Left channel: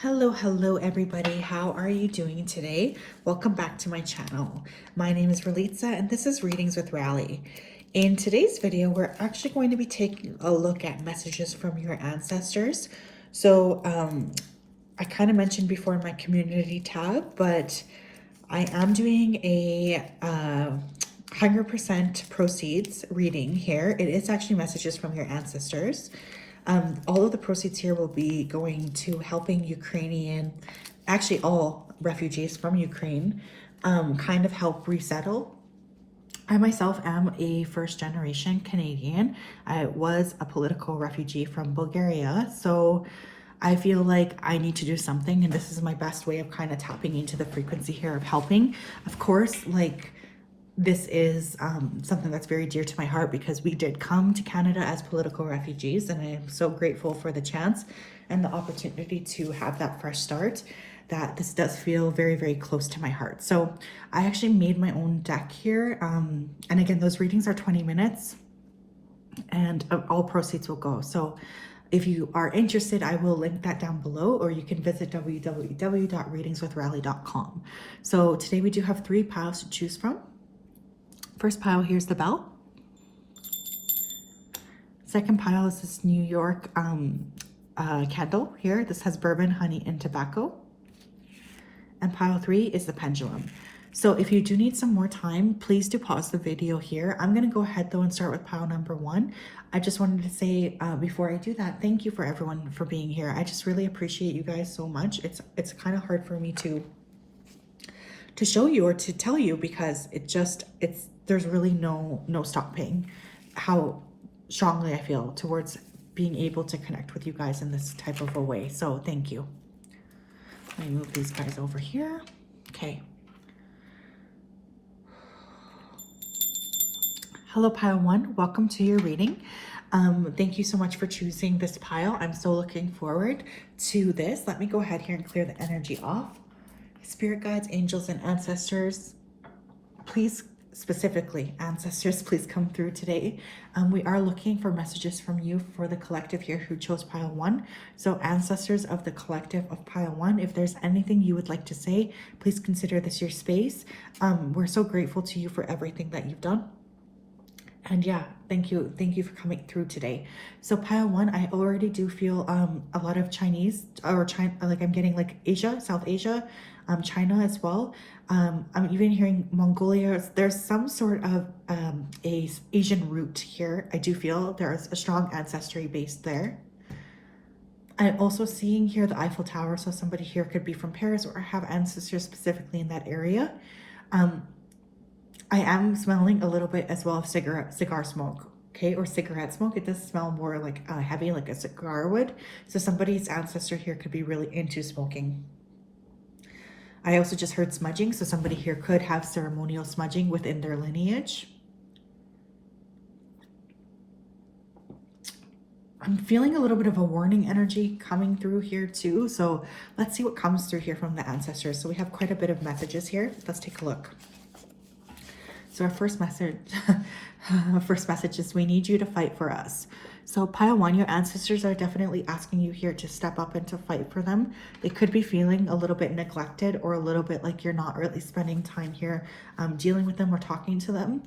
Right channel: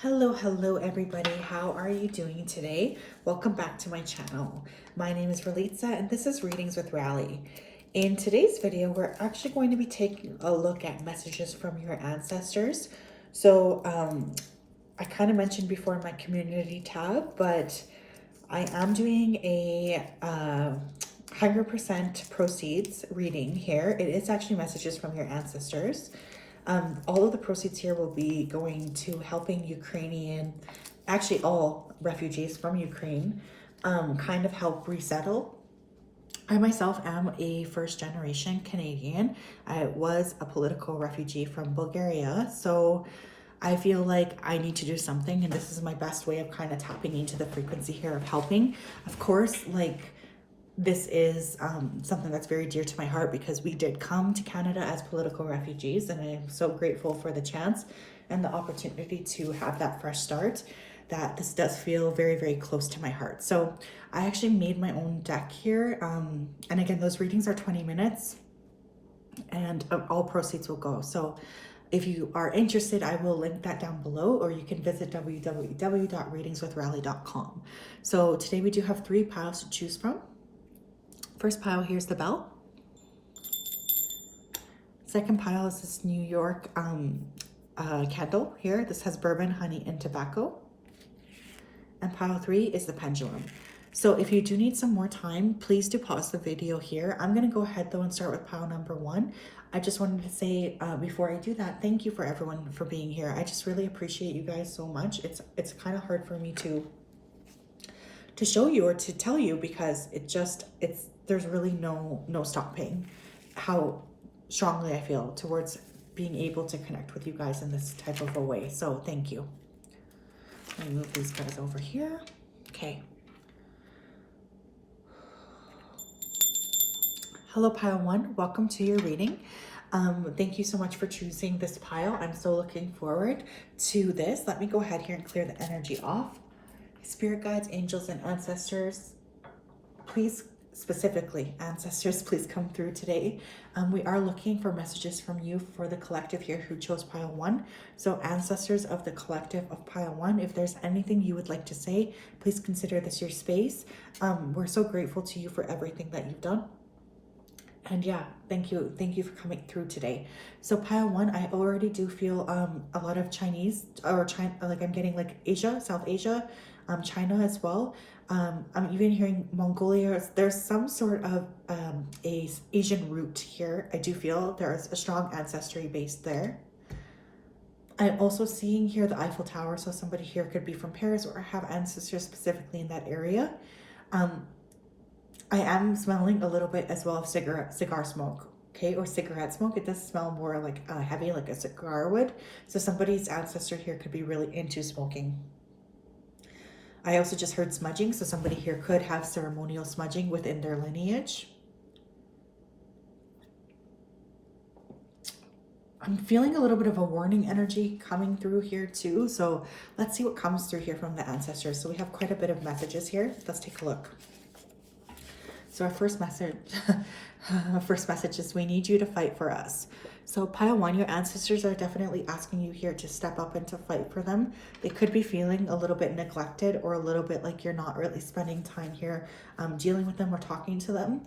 Hello everybody. How are you doing today? Welcome back to my channel. My name is Ralitza and this is Readings with Rally. In today's video, we're actually going to be taking a look at messages from your ancestors. So I kind of mentioned before in my community tab, but I am doing a 100% proceeds reading here. It is actually messages from your ancestors. All of the proceeds here will be going to helping actually all refugees from Ukraine, kind of help resettle. I myself am a first generation Canadian. I was a political refugee from Bulgaria, so I feel like I need to do something, and this is my best way of kind of tapping into the frequency here of helping. Of course, this is something that's very dear to my heart because we did come to Canada as political refugees, and I am so grateful for the chance and the opportunity to have that fresh start, that this does feel very, very close to my heart. So I actually made my own deck here. And again, those readings are 20 minutes and all proceeds will go. So if you are interested, I will link that down below, or you can visit www.readingswithrally.com. So today we do have 3 piles to choose from. First pile, here's the bell. Second pile is this New York candle here. This has bourbon, honey, and tobacco. And pile 3 is the pendulum. So if you do need some more time, please do pause the video here. I'm going to go ahead though and start with pile number 1. I just wanted to say before I do that, thank you for everyone for being here. I just really appreciate you guys so much. It's kind of hard for me to show you or to tell you because there's really no stopping how strongly I feel towards being able to connect with you guys in this type of a way. So thank you. Let me move these guys over here. Okay. Hello, pile 1. Welcome to your reading. Thank you so much for choosing this pile. I'm so looking forward to this. Let me go ahead here and clear the energy off. Spirit guides, angels, and ancestors, please, specifically ancestors, please come through today. We are looking for messages from you for the collective here who chose pile 1. So ancestors of the collective of pile 1, if there's anything you would like to say, please consider this your space. We're so grateful to you for everything that you've done. And yeah, thank you for coming through today. So pile 1, I already do feel a lot of Chinese, or China, like I'm getting like Asia, South Asia, China as well. I'm even hearing Mongolia. There's some sort of a Asian root here. I do feel there's a strong ancestry base there. I'm also seeing here the Eiffel Tower, so somebody here could be from Paris or have ancestors specifically in that area. I am smelling a little bit as well of cigar smoke, okay, or cigarette smoke. It does smell more like heavy, like a cigar would. So somebody's ancestor here could be really into smoking. I also just heard smudging, so somebody here could have ceremonial smudging within their lineage. I'm feeling a little bit of a warning energy coming through here too. So let's see what comes through here from the ancestors. So we have quite a bit of messages here. Let's take a look. So our first message is, we need you to fight for us. So pile 1, your ancestors are definitely asking you here to step up and to fight for them. They could be feeling a little bit neglected or a little bit like you're not really spending time here dealing with them or talking to them.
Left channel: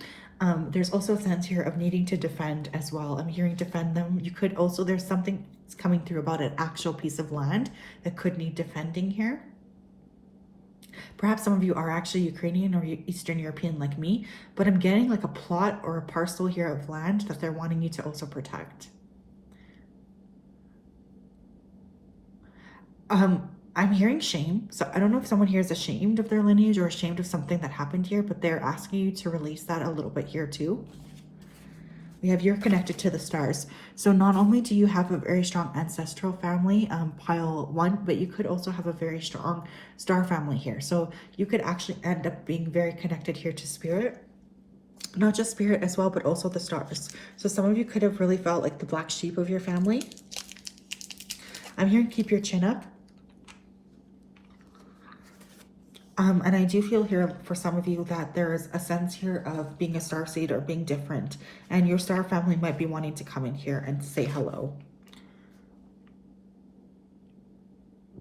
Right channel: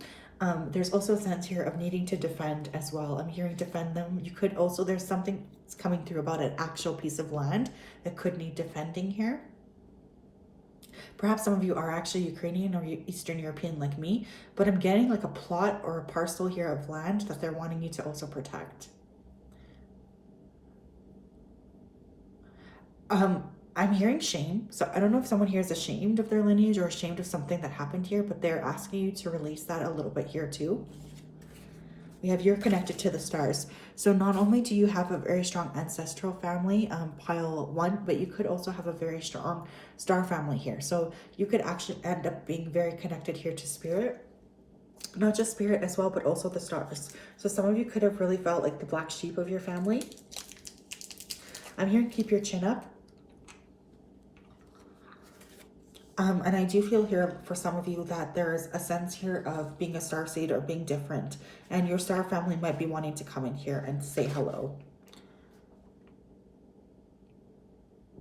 There's also a sense here of needing to defend as well. I'm hearing defend them. You could also, there's something that's coming through about an actual piece of land that could need defending here. Perhaps some of you are actually Ukrainian or Eastern European like me, but I'm getting like a plot or a parcel here of land that they're wanting you to also protect. I'm hearing shame. So I don't know if someone here is ashamed of their lineage or ashamed of something that happened here, but they're asking you to release that a little bit here too. We have you're connected to the stars. So not only do you have a very strong ancestral family, pile 1, but you could also have a very strong star family here. So you could actually end up being very connected here to spirit. Not just spirit as well, but also the stars. So some of you could have really felt like the black sheep of your family. I'm hearing keep your chin up. And I do feel here for some of you that there's a sense here of being a starseed or being different, and your star family might be wanting to come in here and say hello.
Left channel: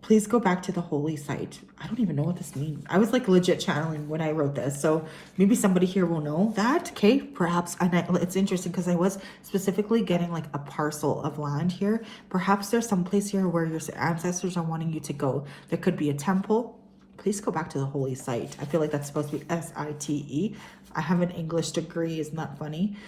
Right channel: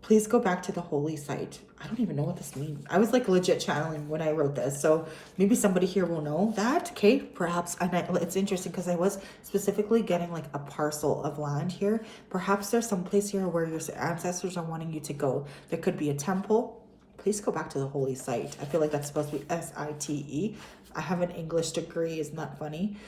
Please go back to the holy site. I don't even know what this means. I was like legit channeling when I wrote this. So maybe somebody here will know that. Okay, perhaps. And it's interesting because I was specifically getting like a parcel of land here. Perhaps there's some place here where your ancestors are wanting you to go. There could be a temple. Please go back to the holy site. I feel like that's supposed to be S-I-T-E. I have an English degree, isn't that funny?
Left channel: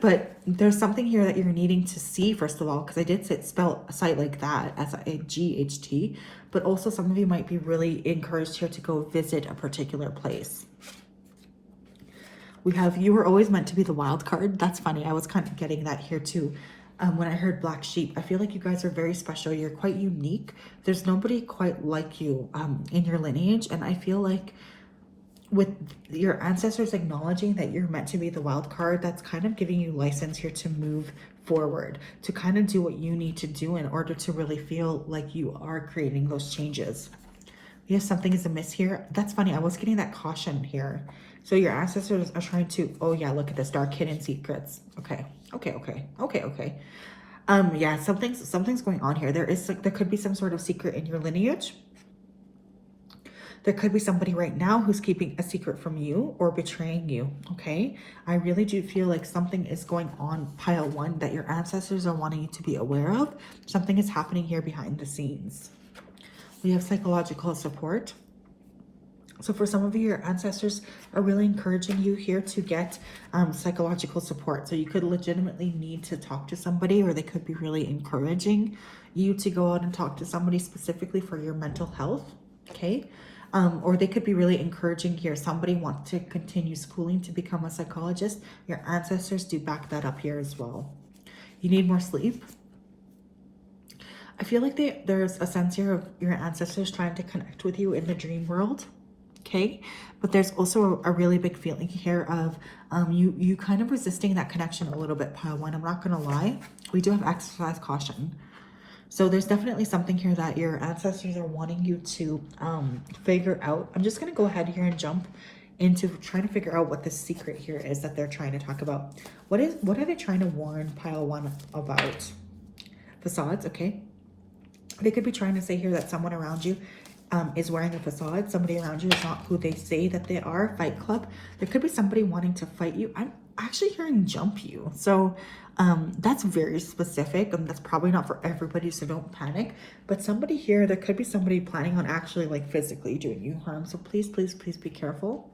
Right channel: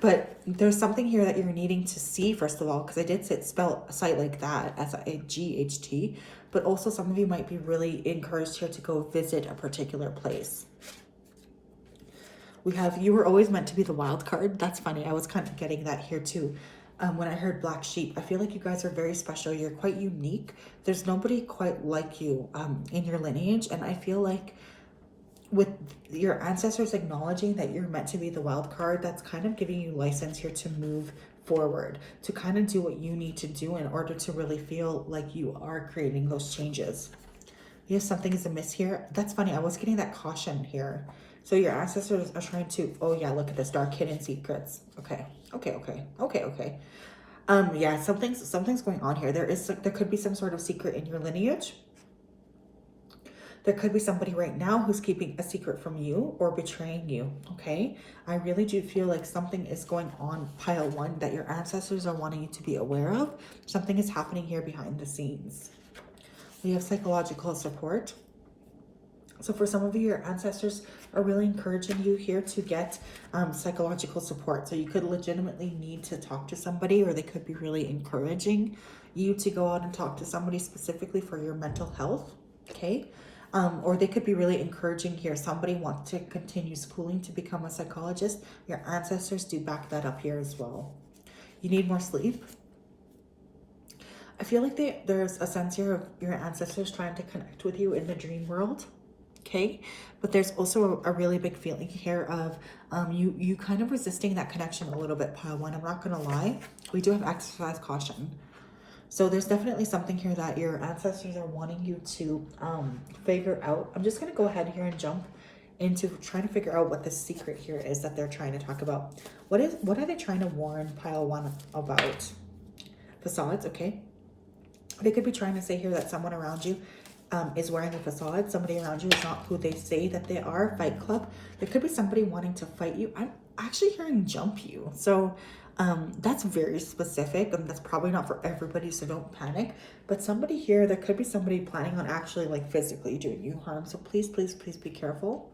But there's something here that you're needing to see, first of all, because I did spell a site like that, S-I-G-H-T, but also some of you might be really encouraged here to go visit a particular place. We have, you were always meant to be the wild card. That's funny. I was kind of getting that here too. When I heard black sheep, I feel like you guys are very special. You're quite unique. There's nobody quite like you in your lineage. And I feel like with your ancestors acknowledging that you're meant to be the wild card, that's kind of giving you license here to move forward, to kind of do what you need to do in order to really feel like you are creating those changes. Yes, something is amiss here. That's funny. I was getting that caution here. So your ancestors are trying to, oh yeah, look at this, dark hidden secrets. Okay. Yeah, something's going on here. There could be some sort of secret in your lineage. There could be somebody right now who's keeping a secret from you or betraying you, okay? I really do feel like something is going on, pile one, that your ancestors are wanting you to be aware of. Something is happening here behind the scenes. We have psychological support. So for some of you, your ancestors are really encouraging you here to get psychological support. So you could legitimately need to talk to somebody, or they could be really encouraging you to go out and talk to somebody specifically for your mental health, okay? Or they could be really encouraging here. Somebody wants to continue schooling to become a psychologist. Your ancestors do back that up here as well. You need more sleep. I feel like there's a sense here of your ancestors trying to connect with you in the dream world. Okay, but there's also a really big feeling here of you kind of resisting that connection a little bit, pile one. I'm not gonna lie, we do have exercise caution. So there's definitely something here that your ancestors are wanting you to figure out. I'm just gonna go ahead here and jump into trying to figure out what the secret here is that they're trying to talk about. What are they trying to warn pile one about? Facades, okay. They could be trying to say here that someone around you is wearing a facade. Somebody around you is not who they say that they are. Fight club. There could be somebody wanting to fight you. I'm actually hearing jump you. So that's very specific, and that's probably not for everybody, so don't panic. But somebody here, there could be somebody planning on actually like physically doing you harm. So please be careful.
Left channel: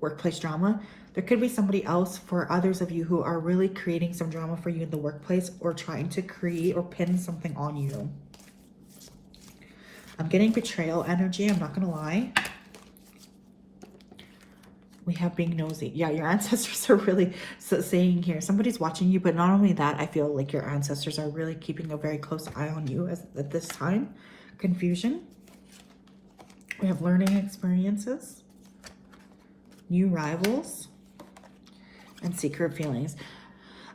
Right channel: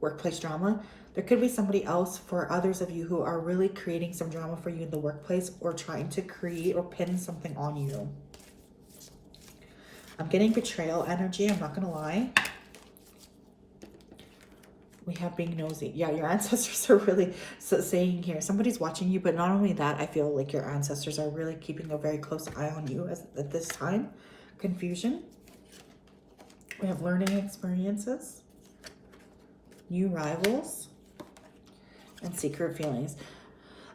Workplace drama. There could be somebody else for others of you who are really creating some drama for you in the workplace, or trying to create or pin something on you. I'm getting betrayal energy, I'm not gonna lie. We have being nosy. Yeah, your ancestors are really saying here, somebody's watching you, but not only that, I feel like your ancestors are really keeping a very close eye on you at this time. Confusion. We have learning experiences, new rivals, and secret feelings.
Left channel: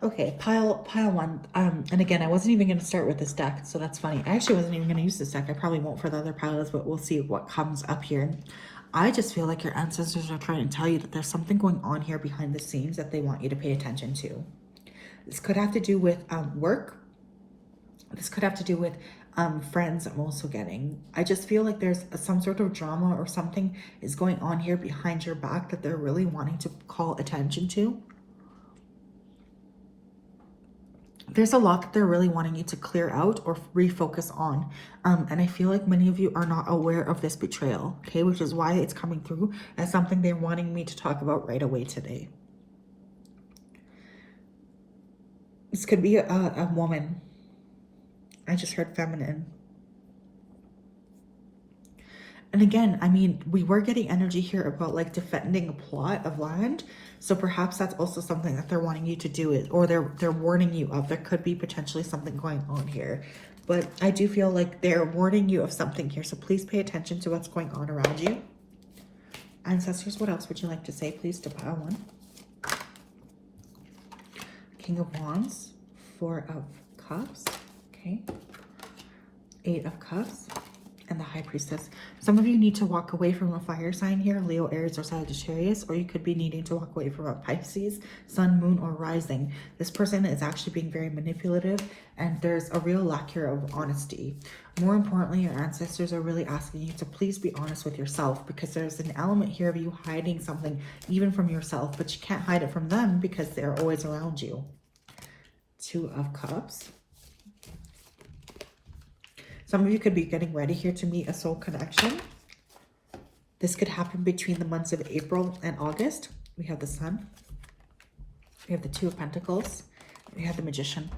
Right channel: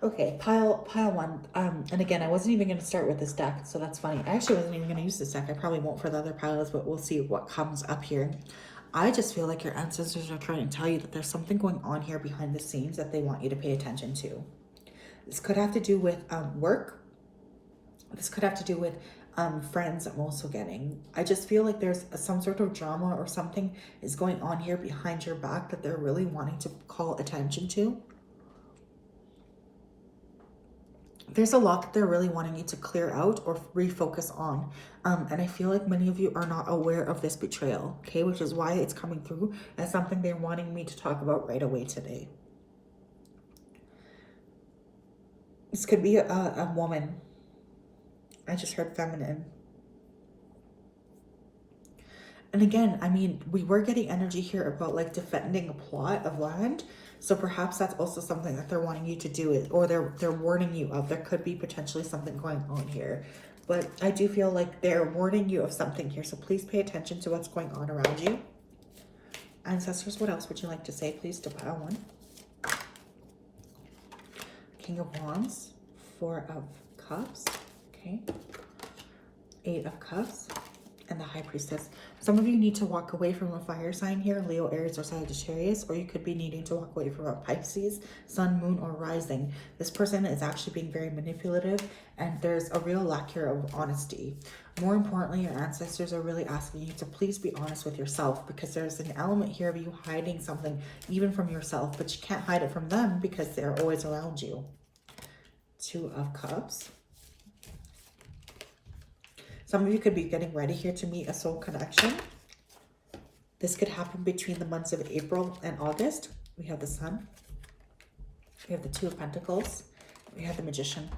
Okay, pile one. And again, I wasn't even going to start with this deck, so that's funny. I actually wasn't even going to use this deck. I probably won't for the other piles, but we'll see what comes up here. I just feel like your ancestors are trying to tell you that there's something going on here behind the scenes that they want you to pay attention to. This could have to do with work. This could have to do with friends I'm also getting. I just feel like there's some sort of drama or something is going on here behind your back that they're really wanting to call attention to. There's a lot that they're really wanting you to clear out or refocus on. And I feel like many of you are not aware of this betrayal, okay? Which is why it's coming through as something they're wanting me to talk about right away today. This could be a woman. I just heard feminine. And again, I mean, we were getting energy here about like defending a plot of land. So perhaps that's also something that they're wanting you to do it, or they're warning you of. There could be potentially something going on here. But I do feel like they're warning you of something here. So please pay attention to what's going on around you. Ancestors, what else would you like to say, please, to pile one? King of Wands, Four of Cups, okay. 8 of Cups, and the High Priestess. Some of you need to walk away from a fire sign here, Leo, Aries, or Sagittarius, or you could be needing to walk away from a Pisces, Sun, Moon, or Rising. This person is actually being very manipulative, and there's a real lack here of honesty. More importantly, your ancestors are really asking you to please be honest with yourself, because there's an element here of you hiding something even from yourself, but you can't hide it from them because they're always around you. Two of Cups. Some of you could be getting ready here to meet a soul connection. This could happen between the months of April and August. We have the Sun. We have the Two of Pentacles. We have the Magician.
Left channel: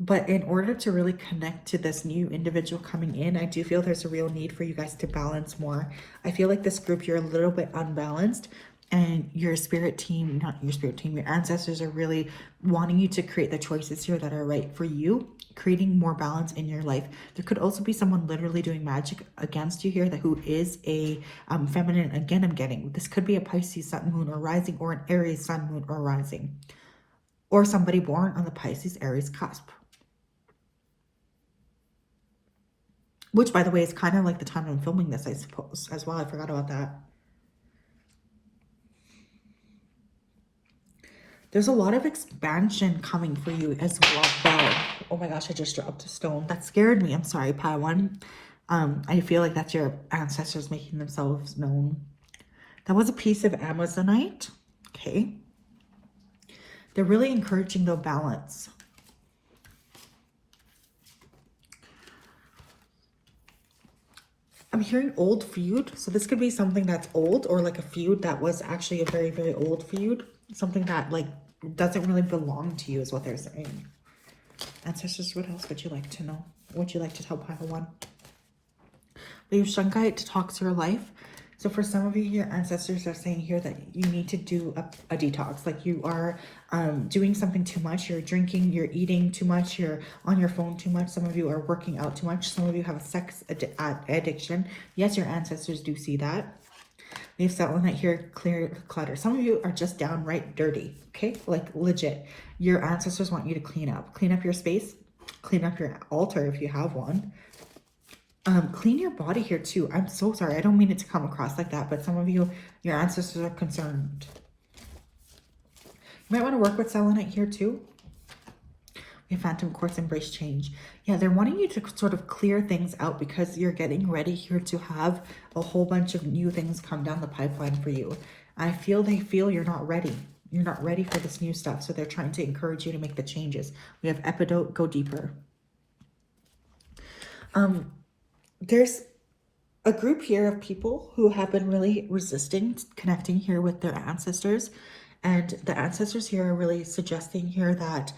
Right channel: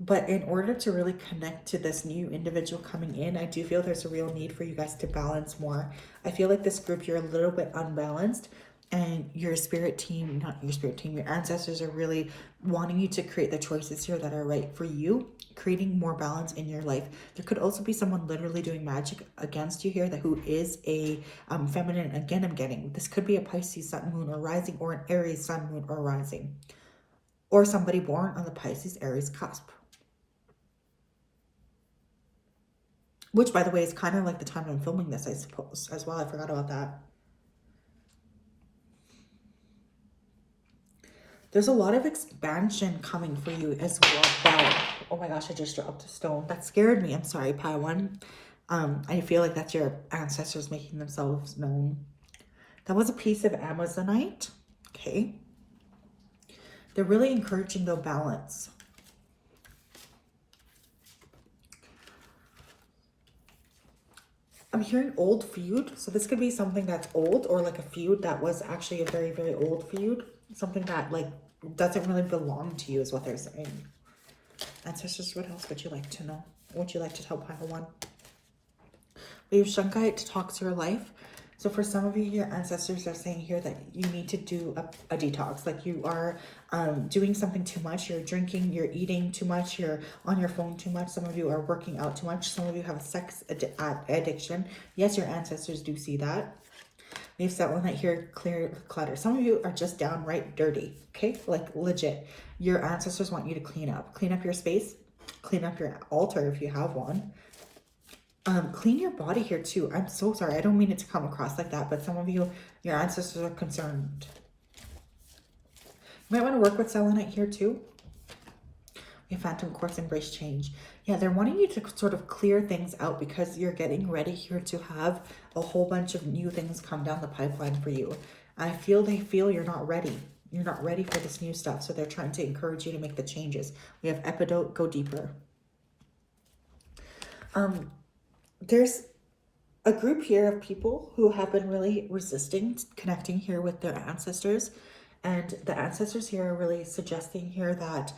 But in order to really connect to this new individual coming in, I do feel there's a real need for you guys to balance more. I feel like this group, you're a little bit unbalanced, and your spirit team, not your spirit team, your ancestors are really wanting you to create the choices here that are right for you, creating more balance in your life. There could also be someone literally doing magic against you here that who is a feminine. Again, I'm getting this could be a Pisces Sun, Moon, or Rising, or an Aries Sun, Moon, or Rising, or somebody born on the Pisces Aries cusp. Which, by the way, is kind of like the time I'm filming this, I suppose, as well. I forgot about that. There's a lot of expansion coming for you as well. Oh my gosh, I just dropped a stone. That scared me. I'm sorry, Paiwan. I feel like that's your ancestors making themselves known. That was a piece of Amazonite. Okay. They're really encouraging the balance. I'm hearing old feud. So this could be something that's old, or like a feud that was actually a very, very old feud. Something that like doesn't really belong to you is what they're saying. Ancestors, what else would you like to know? What would you like to tell Pile 1? Leave Shungite to talk to your life. So for some of you, your ancestors are saying here that you need to do a detox. Like you are doing something too much. You're drinking, you're eating too much, you're on your phone too much. Some of you are working out too much. Some of you have a sex addiction. Yes, your ancestors do see that. We have that one right here, clear clutter. Some of you are just downright dirty, okay? Like legit. Your ancestors want you to clean up. Clean up your space. Clean up your altar if you have one. Clean your body here too. I'm so sorry. I don't mean it to come across like that, but some of you, your ancestors are concerned. You might want to work with selenite here too. We have Phantom Quartz, embrace change. Yeah, they're wanting you to sort of clear things out because you're getting ready here to have a whole bunch of new things come down the pipeline for you. I feel they feel you're not ready. You're not ready for this new stuff, so they're trying to encourage you to make the changes. We have Epidote, go deeper. There's a group here of people who have been really resisting connecting here with their ancestors. And the ancestors here are really suggesting here that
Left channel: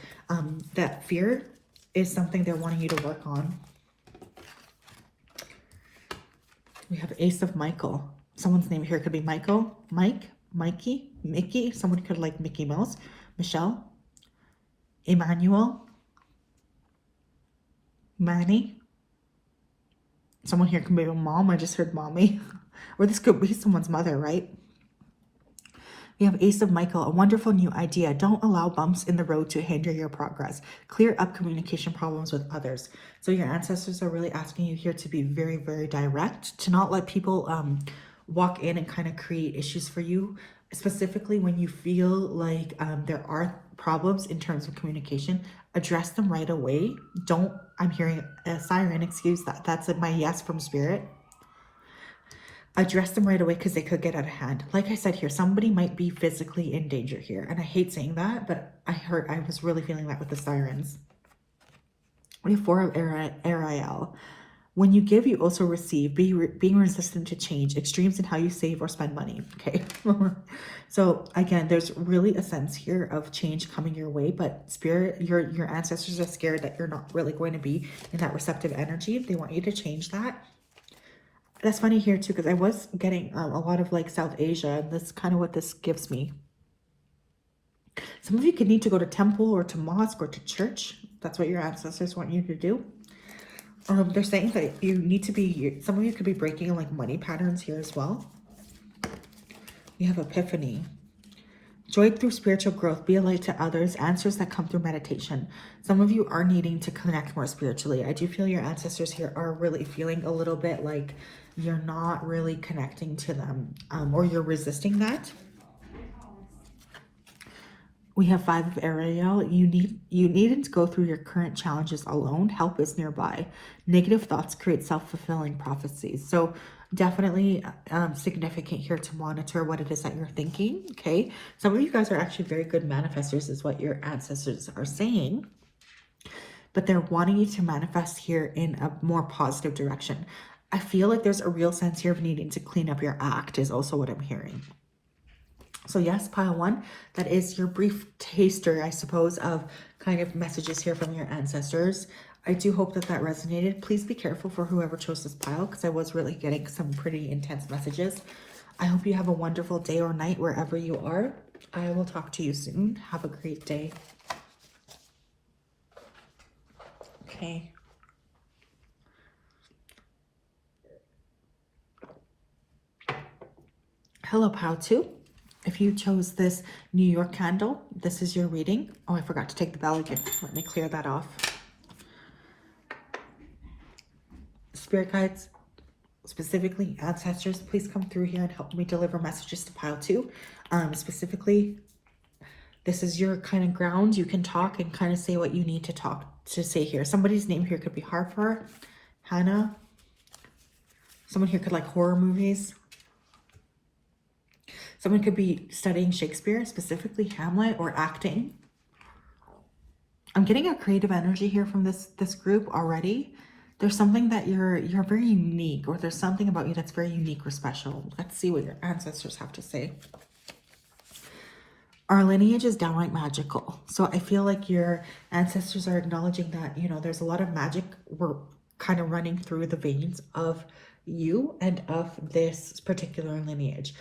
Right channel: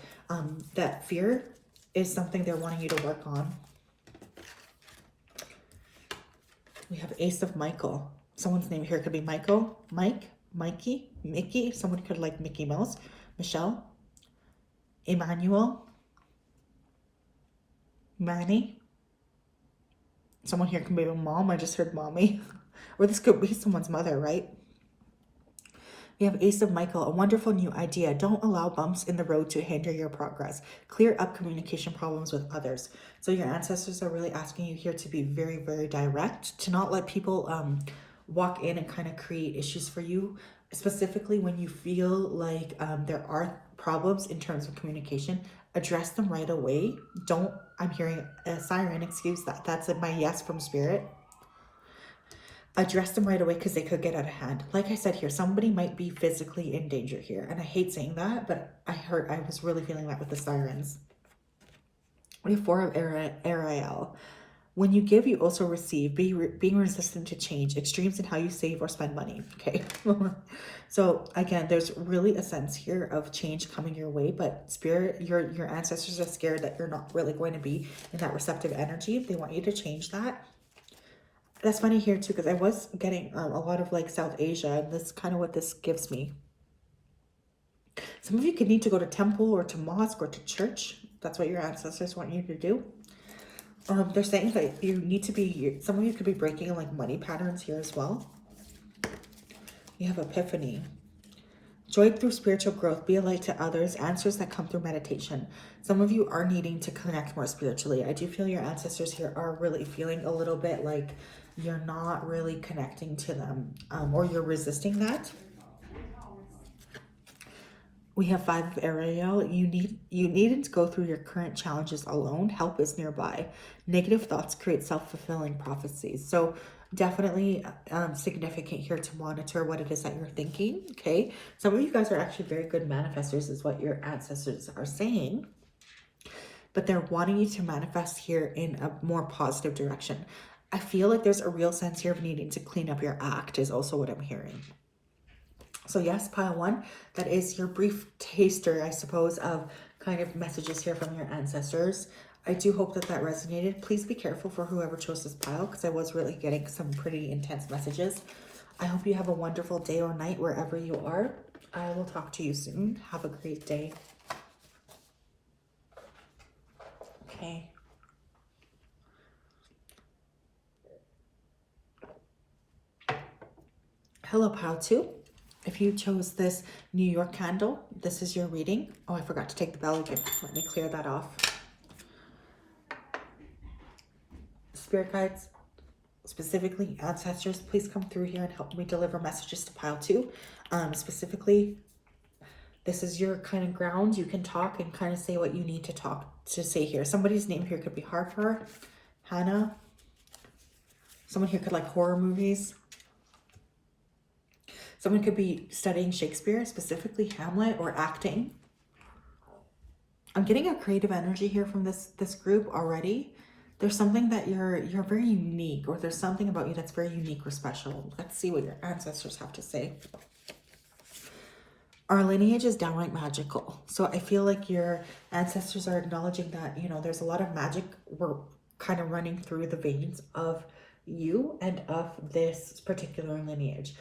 that fear is something they're wanting you to work on. We have Ace of Michael. Someone's name here could be Michael, Mike, Mikey, Mickey. Someone could like Mickey Mouse, Michelle, Emmanuel, Manny. Someone here can be a mom. I just heard mommy. Or this could be someone's mother, right? We have Ace of Michael, a wonderful new idea. Don't allow bumps in the road to hinder your progress. Clear up communication problems with others. So your ancestors are really asking you here to be very, very direct, to not let people walk in and kind of create issues for you, specifically when you feel like there are problems in terms of communication. Address them right away. Don't, I'm hearing a siren, excuse that. That's my yes from spirit. Address them right away because they could get out of hand. Like I said here, somebody might be physically in danger here. And I hate saying that, but I was really feeling that with the sirens. We have 4 of Ariel. When you give, you also receive. Being resistant to change. Extremes in how you save or spend money. Okay. So again, there's really a sense here of change coming your way, but spirit, your ancestors are scared that you're not really going to be in that receptive energy. They want you to change that. That's funny here too, because I was getting a lot of like South Asia, and that's kind of what this gives me. Some of you could need to go to temple or to mosque or to church. That's what your ancestors want you to do. They're saying that you need to be, some of you could be breaking like money patterns here as well. We have Epiphany. Joy through spiritual growth, be a light to others, answers that come through meditation. Some of you are needing to connect more spiritually. I do feel your ancestors here are really feeling a little bit like you're not really connecting to them, or you're resisting that. We have 5 of Ariel. You needn't go through your current challenges alone. Help is nearby. Negative thoughts create self-fulfilling prophecies. So definitely significant here to monitor what it is that you're thinking. Okay. Some of you guys are actually very good manifestors is what your ancestors are saying. But they're wanting you to manifest here in a more positive direction. I feel like there's a real sense here of needing to clean up your act is also what I'm hearing. So yes, pile 1, that is your brief taster, I suppose, of kind of messages here from your ancestors. I do hope that that resonated. Please be careful for whoever chose this pile because I was really getting some pretty intense messages. I hope you have a wonderful day or night wherever you are. I will talk to you soon. Have a great day. Okay. Hello, pile 2. If you chose this New York candle, this is your reading. Oh, I forgot to take the bell again. Let me clear that off. Spirit guides, specifically ancestors, please come through here and help me deliver messages to pile 2. Specifically, this is your kind of ground. You can talk and kind of say what you need to say here. Somebody's name here could be Harper, Hannah. Someone here could like horror movies. Someone could be studying Shakespeare, specifically Hamlet, or acting. I'm getting a creative energy here from this group already. There's something that you're very unique, or there's something about you that's very unique or special. Let's see what your ancestors have to say. Our lineage is downright magical. So I feel like your ancestors are acknowledging that, you know, there's a lot of magic we're kind of running through the veins of you and of this particular lineage.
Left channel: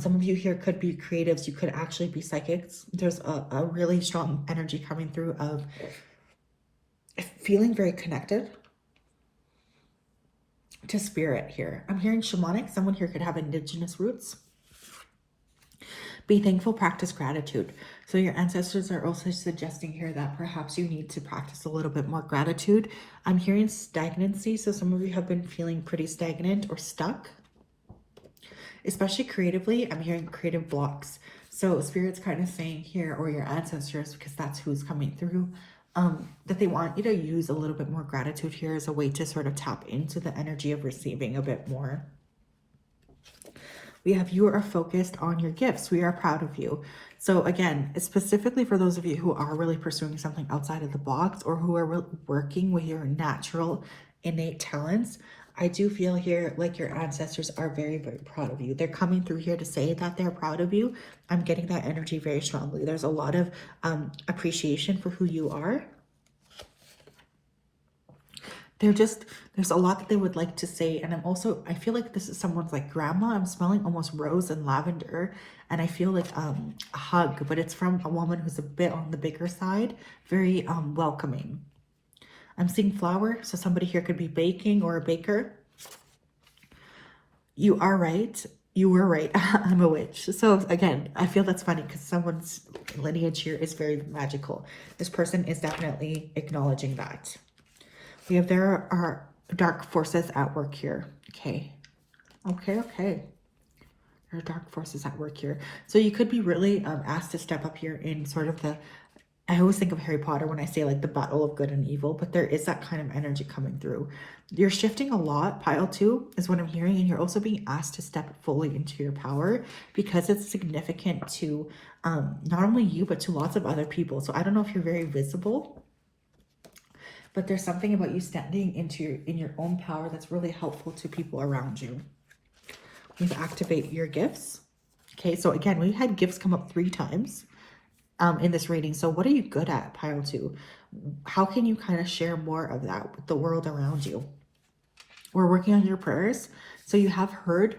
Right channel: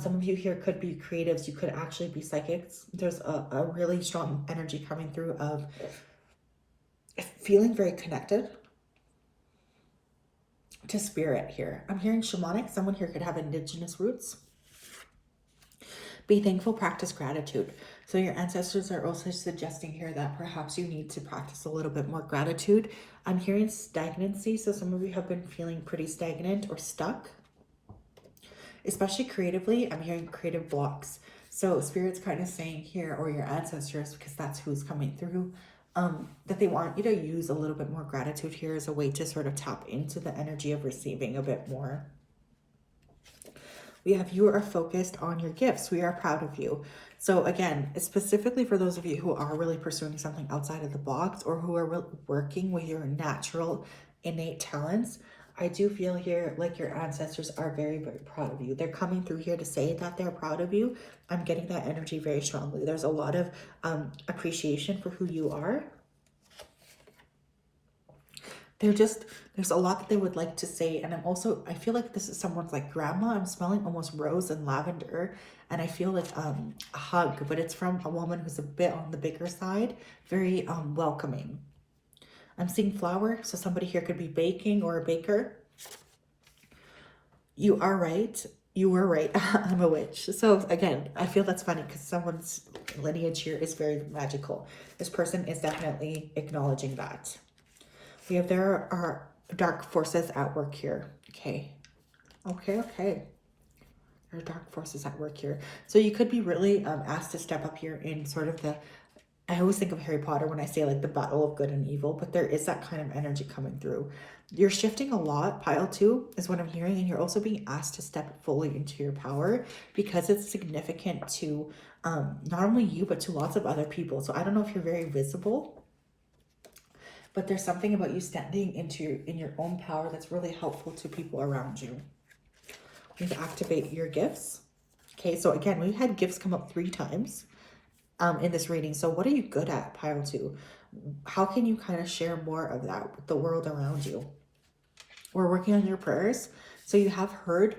Some of you here could be creatives. You could actually be psychics. There's a really strong energy coming through of feeling very connected to spirit here. I'm hearing shamanic. Someone here could have indigenous roots. Be thankful, practice gratitude. So your ancestors are also suggesting here that perhaps you need to practice a little bit more gratitude. I'm hearing stagnancy. So some of you have been feeling pretty stagnant or stuck. Especially creatively, I'm hearing creative blocks. So Spirit's kind of saying here, or your ancestors, because that's who's coming through, that they want you to use a little bit more gratitude here as a way to sort of tap into the energy of receiving a bit more. We have you are focused on your gifts. We are proud of you. So again, it's specifically for those of you who are really pursuing something outside of the box or who are working with your natural innate talents. I do feel here like your ancestors are very, very proud of you. They're coming through here to say that they're proud of you. I'm getting that energy very strongly. There's a lot of appreciation for who you are. There's a lot that they would like to say. And I feel like this is someone's like grandma. I'm smelling almost rose and lavender. And I feel like a hug, but it's from a woman who's a bit on the bigger side. Very welcoming. I'm seeing flour, so somebody here could be baking or a baker. You are right. You were right. I'm a witch. So again, I feel that's funny because someone's lineage here is very magical. This person is definitely acknowledging that. We have there are dark forces at work here. Okay. There are dark forces at work here. So you could be really asked to step up here in sort of I always think of Harry Potter when I say like the battle of good and evil, but there is that kind of energy coming through. You're shifting a lot. Pile 2 is what I'm hearing. And you're also being asked to step fully into your power because it's significant to not only you, but to lots of other people. So I don't know if you're very visible, but there's something about you standing in your own power that's really helpful to people around you. You activate your gifts. Okay, so again, we had gifts come up 3 times. In this reading. So what are you good at, pile 2? How can you kind of share more of that with the world around you? We're working on your prayers. So they have heard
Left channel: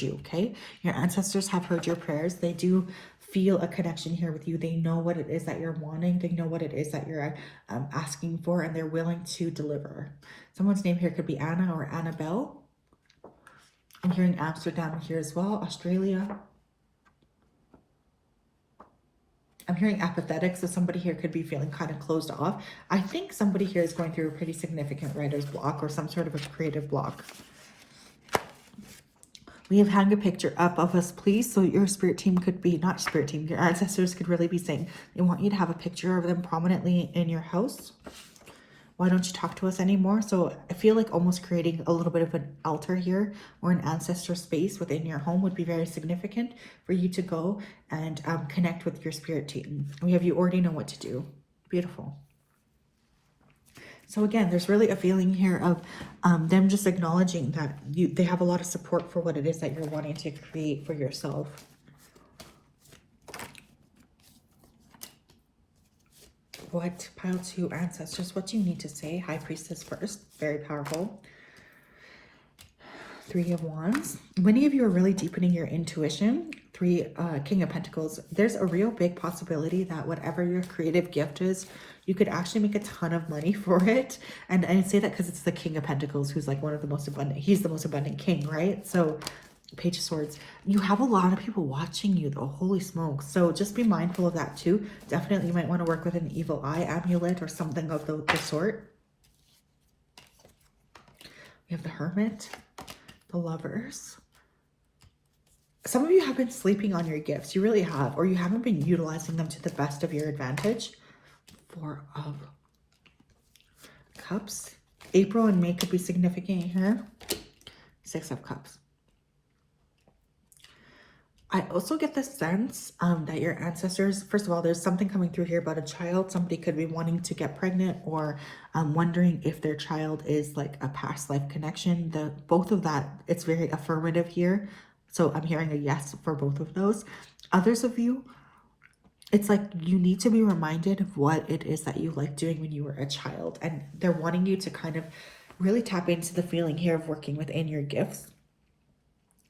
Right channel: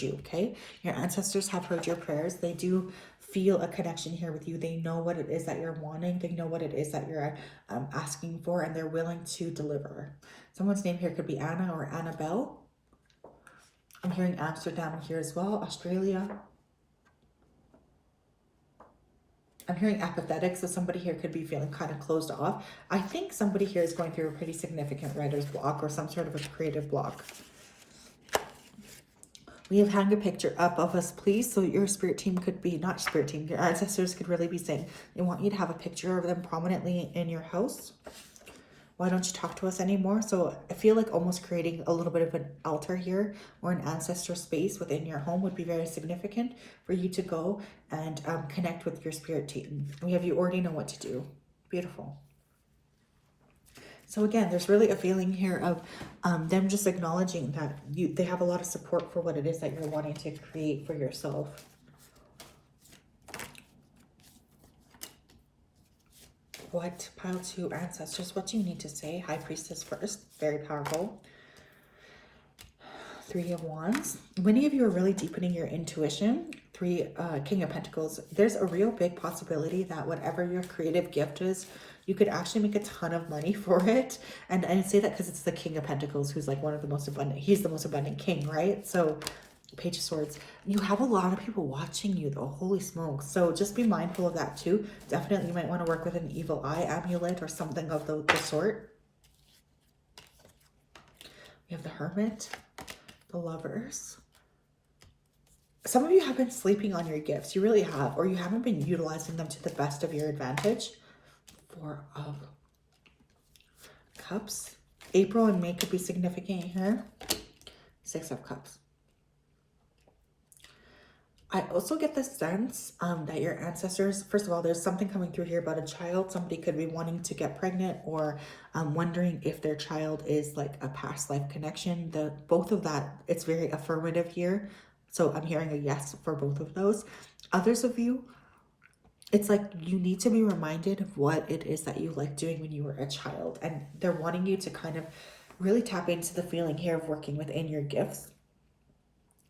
you, okay? Your ancestors have heard your prayers. They do feel a connection here with you. They know what it is that you're wanting. They know what it is that you're asking for, and they're willing to deliver. Someone's name here could be Anna or Annabelle. I'm hearing Amsterdam here as well, Australia. I'm hearing apathetic, so somebody here could be feeling kind of closed off. I think somebody here is going through a pretty significant writer's block or some sort of a creative block. We have hang a picture up of us, please. So your spirit team could be, not spirit team, your ancestors could really be saying, they want you to have a picture of them prominently in your house. Why don't you talk to us anymore? So I feel like almost creating a little bit of an altar here or an ancestor space within your home would be very significant for you to go and connect with your spirit team. We have you already know what to do. Beautiful. So again, there's really a feeling here of them just acknowledging that they have a lot of support for what it is that you're wanting to create for yourself. What, pile 2, ancestors, what do you need to say? High Priestess first, very powerful. 3 of Wands. Many of you are really deepening your intuition. 3, King of Pentacles. There's a real big possibility that whatever your creative gift is, you could actually make a ton of money for it. And I say that because it's the King of Pentacles, who's like one of the most abundant. He's the most abundant king, right? So Page of Swords. You have a lot of people watching you though. Holy smokes. So just be mindful of that too. Definitely you might want to work with an evil eye amulet or something of the sort. We have the Hermit, the Lovers. Some of you have been sleeping on your gifts. You really have. Or you haven't been utilizing them to the best of your advantage. 4 of Cups. April and May could be significant here. 6 of Cups. I also get the sense that your ancestors, first of all, there's something coming through here about a child. Somebody could be wanting to get pregnant or wondering if their child is like a past life connection. Both of that, it's very affirmative here. So I'm hearing a yes for both of those. Others of you, it's like you need to be reminded of what it is that you like doing when you were a child. And they're wanting you to kind of really tap into the feeling here of working within your gifts.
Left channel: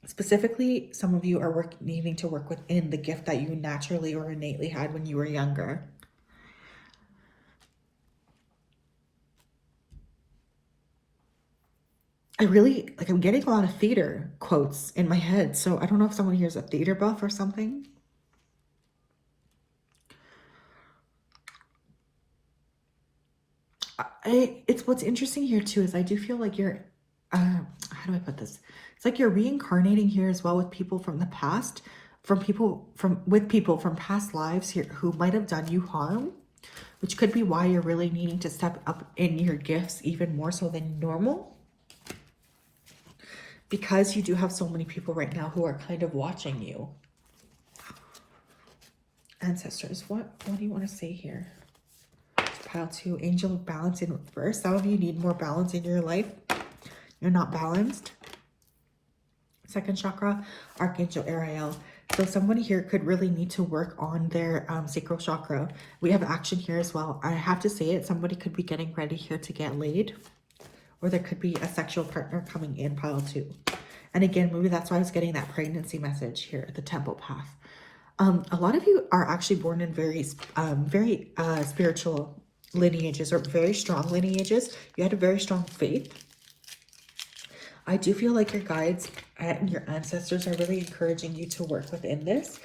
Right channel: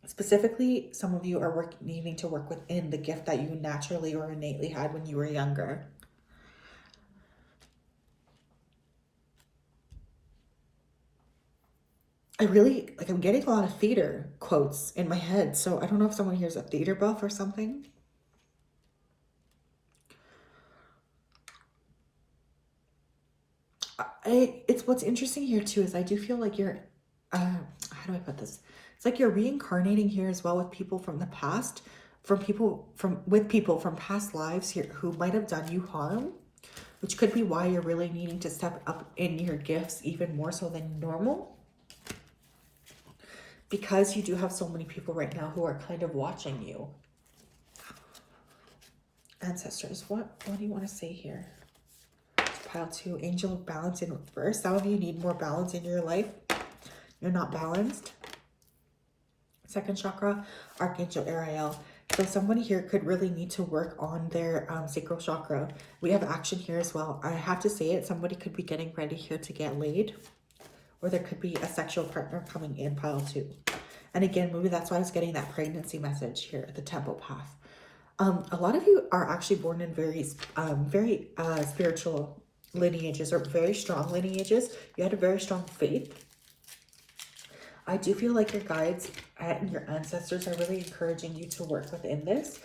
Specifically, some of you are needing to work within the gift that you naturally or innately had when you were younger. I'm getting a lot of theater quotes in my head. So I don't know if someone here is a theater buff or something. It's what's interesting here too is I do feel like you're, how do I put this? It's like you're reincarnating here as well with people from the past, with people from past lives here who might have done you harm, which could be why you're really needing to step up in your gifts even more so than normal. Because you do have so many people right now who are kind of watching you. Ancestors, what do you want to say here? Pile 2, Angel of Balance in reverse. Some of you need more balance in your life. You're not balanced. Second chakra, Archangel Ariel. So somebody here could really need to work on their sacral chakra. We have action here as well. I have to say it. Somebody could be getting ready here to get laid. Or there could be a sexual partner coming in, pile 2. And again, maybe that's why I was getting that pregnancy message here, the temple path. A lot of you are actually born in very spiritual lineages or very strong lineages. You had a very strong faith. I do feel like your guides and your ancestors are really encouraging you to work within this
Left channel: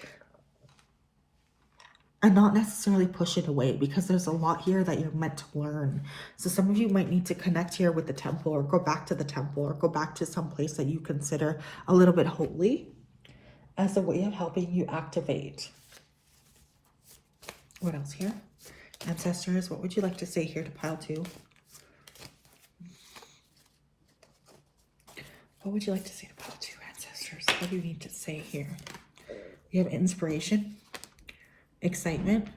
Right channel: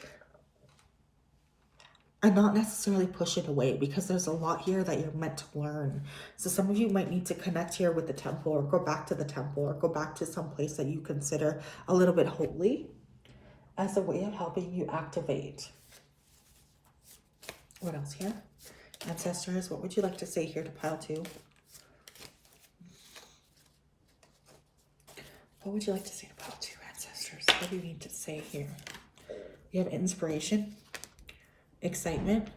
and not necessarily push it away, because there's a lot here that you're meant to learn. So some of you might need to connect here with the temple or go back to the temple or go back to some place that you consider a little bit holy as a way of helping you activate. What else here? Ancestors, what would you like to say here to pile 2? What would you like to say to pile 2, ancestors? What do you need to say here? We have inspiration, excitement,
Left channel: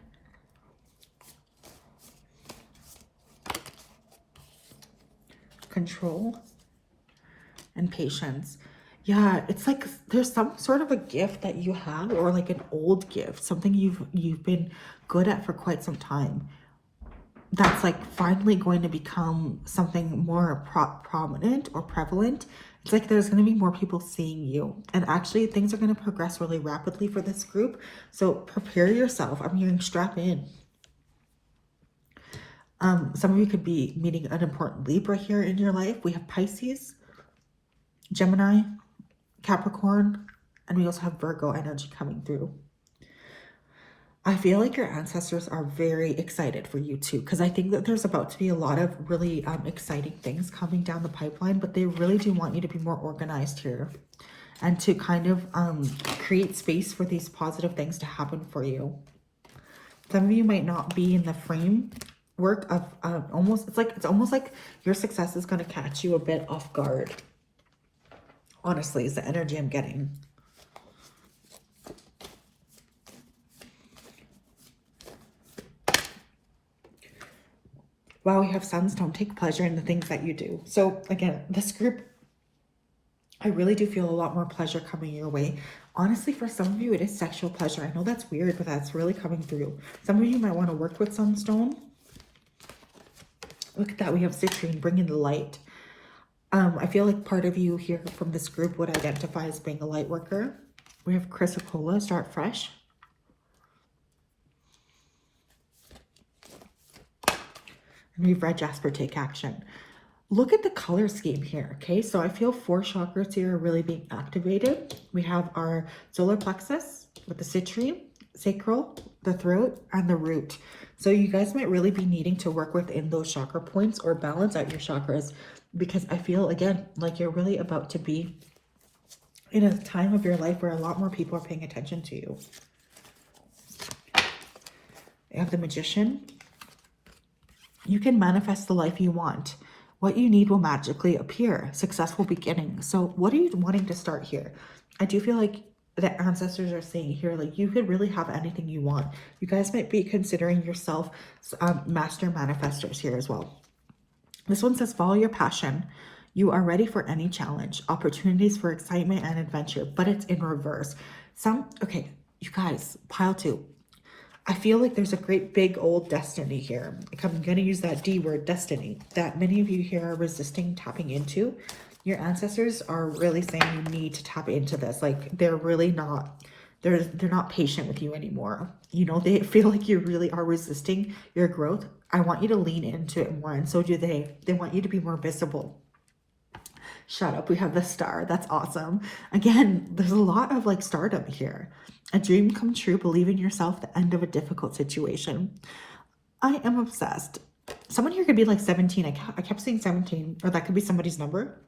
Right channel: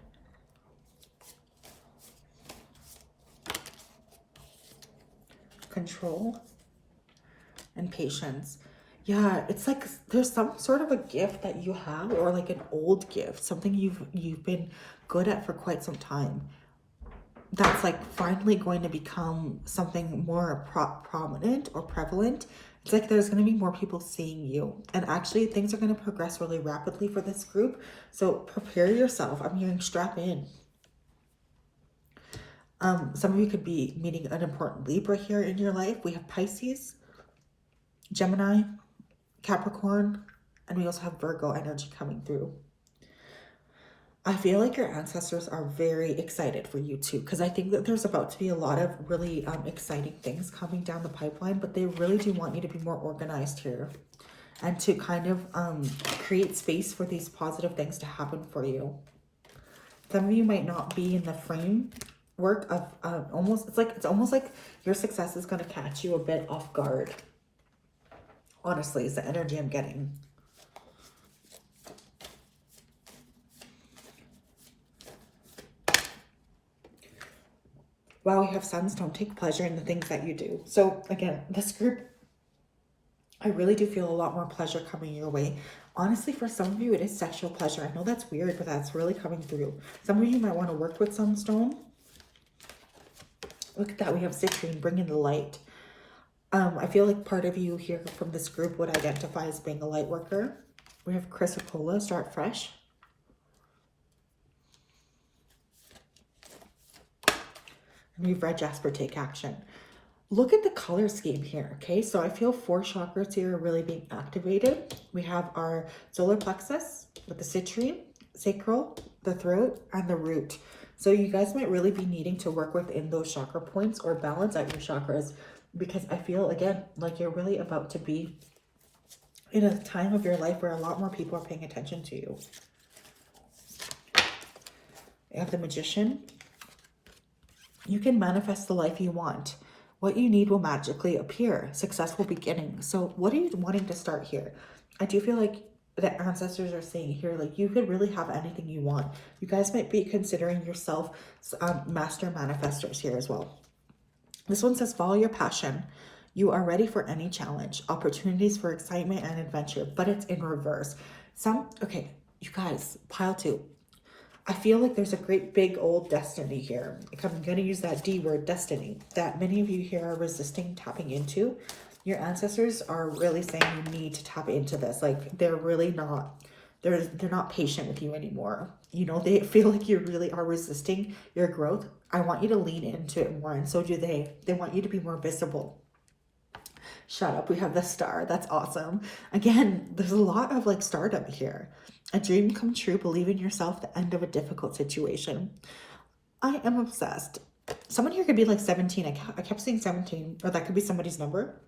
control, and patience. Yeah, it's like there's some sort of a gift that you have, or like an old gift, something you've been good at for quite some time, that's like finally going to become something more prominent or prevalent. It's like there's going to be more people seeing you, and actually things are going to progress really rapidly for this group. So prepare yourself. I'm hearing strap in. Some of you could be meeting an important Libra here in your life. We have Pisces, Gemini, Capricorn, and we also have Virgo energy coming through. I feel like your ancestors are very excited for you too, because I think that there's about to be a lot of really exciting things coming down the pipeline, but they really do want you to be more organized here and to kind of create space for these positive things to happen for you. Some of you might not be in the framework of it's almost like your success is going to catch you a bit off guard. Honestly, is the energy I'm getting. Wow, we have sunstone. Take pleasure in the things that you do. So again, this group, I really do feel a lot more pleasure coming your way. Honestly, for some of you, it is sexual pleasure. I know that's weird, but that's really coming through. Some of you might want to work with sunstone. Look at that. We have citrine, bringing the light. I feel like part of you here from this group would identify as being a light worker. We have chrysocolla, start fresh. And we have red jasper, take action. Look at the color scheme here, okay? So I feel 4 chakras here are really being activated. We have our solar plexus with the citrine, sacral, the throat, and the root. So you guys might really be needing to work within those chakra points or balance out your chakras, because I feel, again, like you're really about to be in a time of your life where a lot more people are paying attention to you. You have the magician. You can manifest the life you want. What you need will magically appear. Successful beginning. So what are you wanting to start here? I do feel like the ancestors are saying here, like, you could really have anything you want. You guys might be considering yourself master manifestors here as well. This one says, follow your passion. You are ready for any challenge, opportunities for excitement and adventure, but it's in reverse. Okay, you guys, pile 2. I feel like there's a great big old destiny here. I'm going to use that D word, destiny, that many of you here are resisting tapping into. Your ancestors are really saying you need to tap into this. Like, they're really not, they're not patient with you anymore. You know, they feel like you really are resisting your growth. I want you to lean into it more, and so do they. They want you to be more visible. Shut up. We have the star. That's awesome. Again, there's a lot of like stardom here. A dream come true, believe in yourself, the end of a difficult situation. I am obsessed. Someone here could be like 17. I kept saying 17, or that could be somebody's number.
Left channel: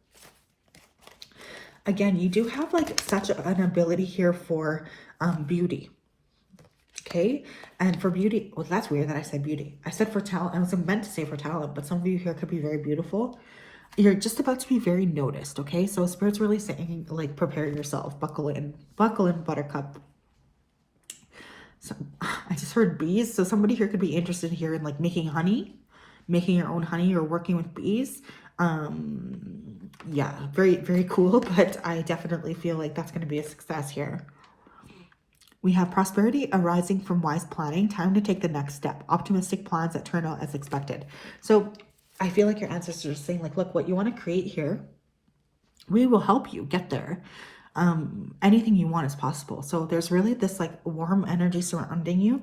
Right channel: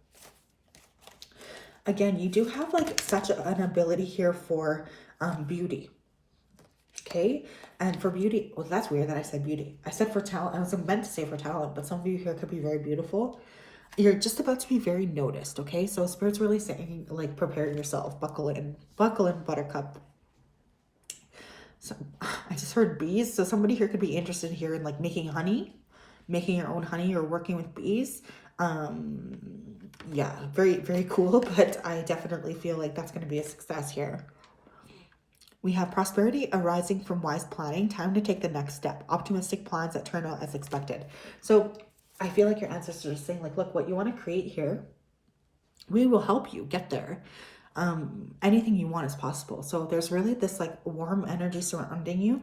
Again, you do have like such an ability here for beauty. Okay, and for beauty, well, that's weird that I said beauty. I said for talent. I was meant to say for talent, but some of you here could be very beautiful. You're just about to be very noticed, okay? So Spirit's really saying, like, prepare yourself. Buckle in, buttercup. So I just heard bees. So somebody here could be interested here in like making honey, making your own honey, or working with bees. Yeah, very, very cool. But I definitely feel like that's going to be a success here. We have prosperity arising from wise planning. Time to take the next step. Optimistic plans that turn out as expected. So I feel like your ancestors are saying, like, look, what you want to create here, we will help you get there. Anything you want is possible. So there's really this like warm energy surrounding you.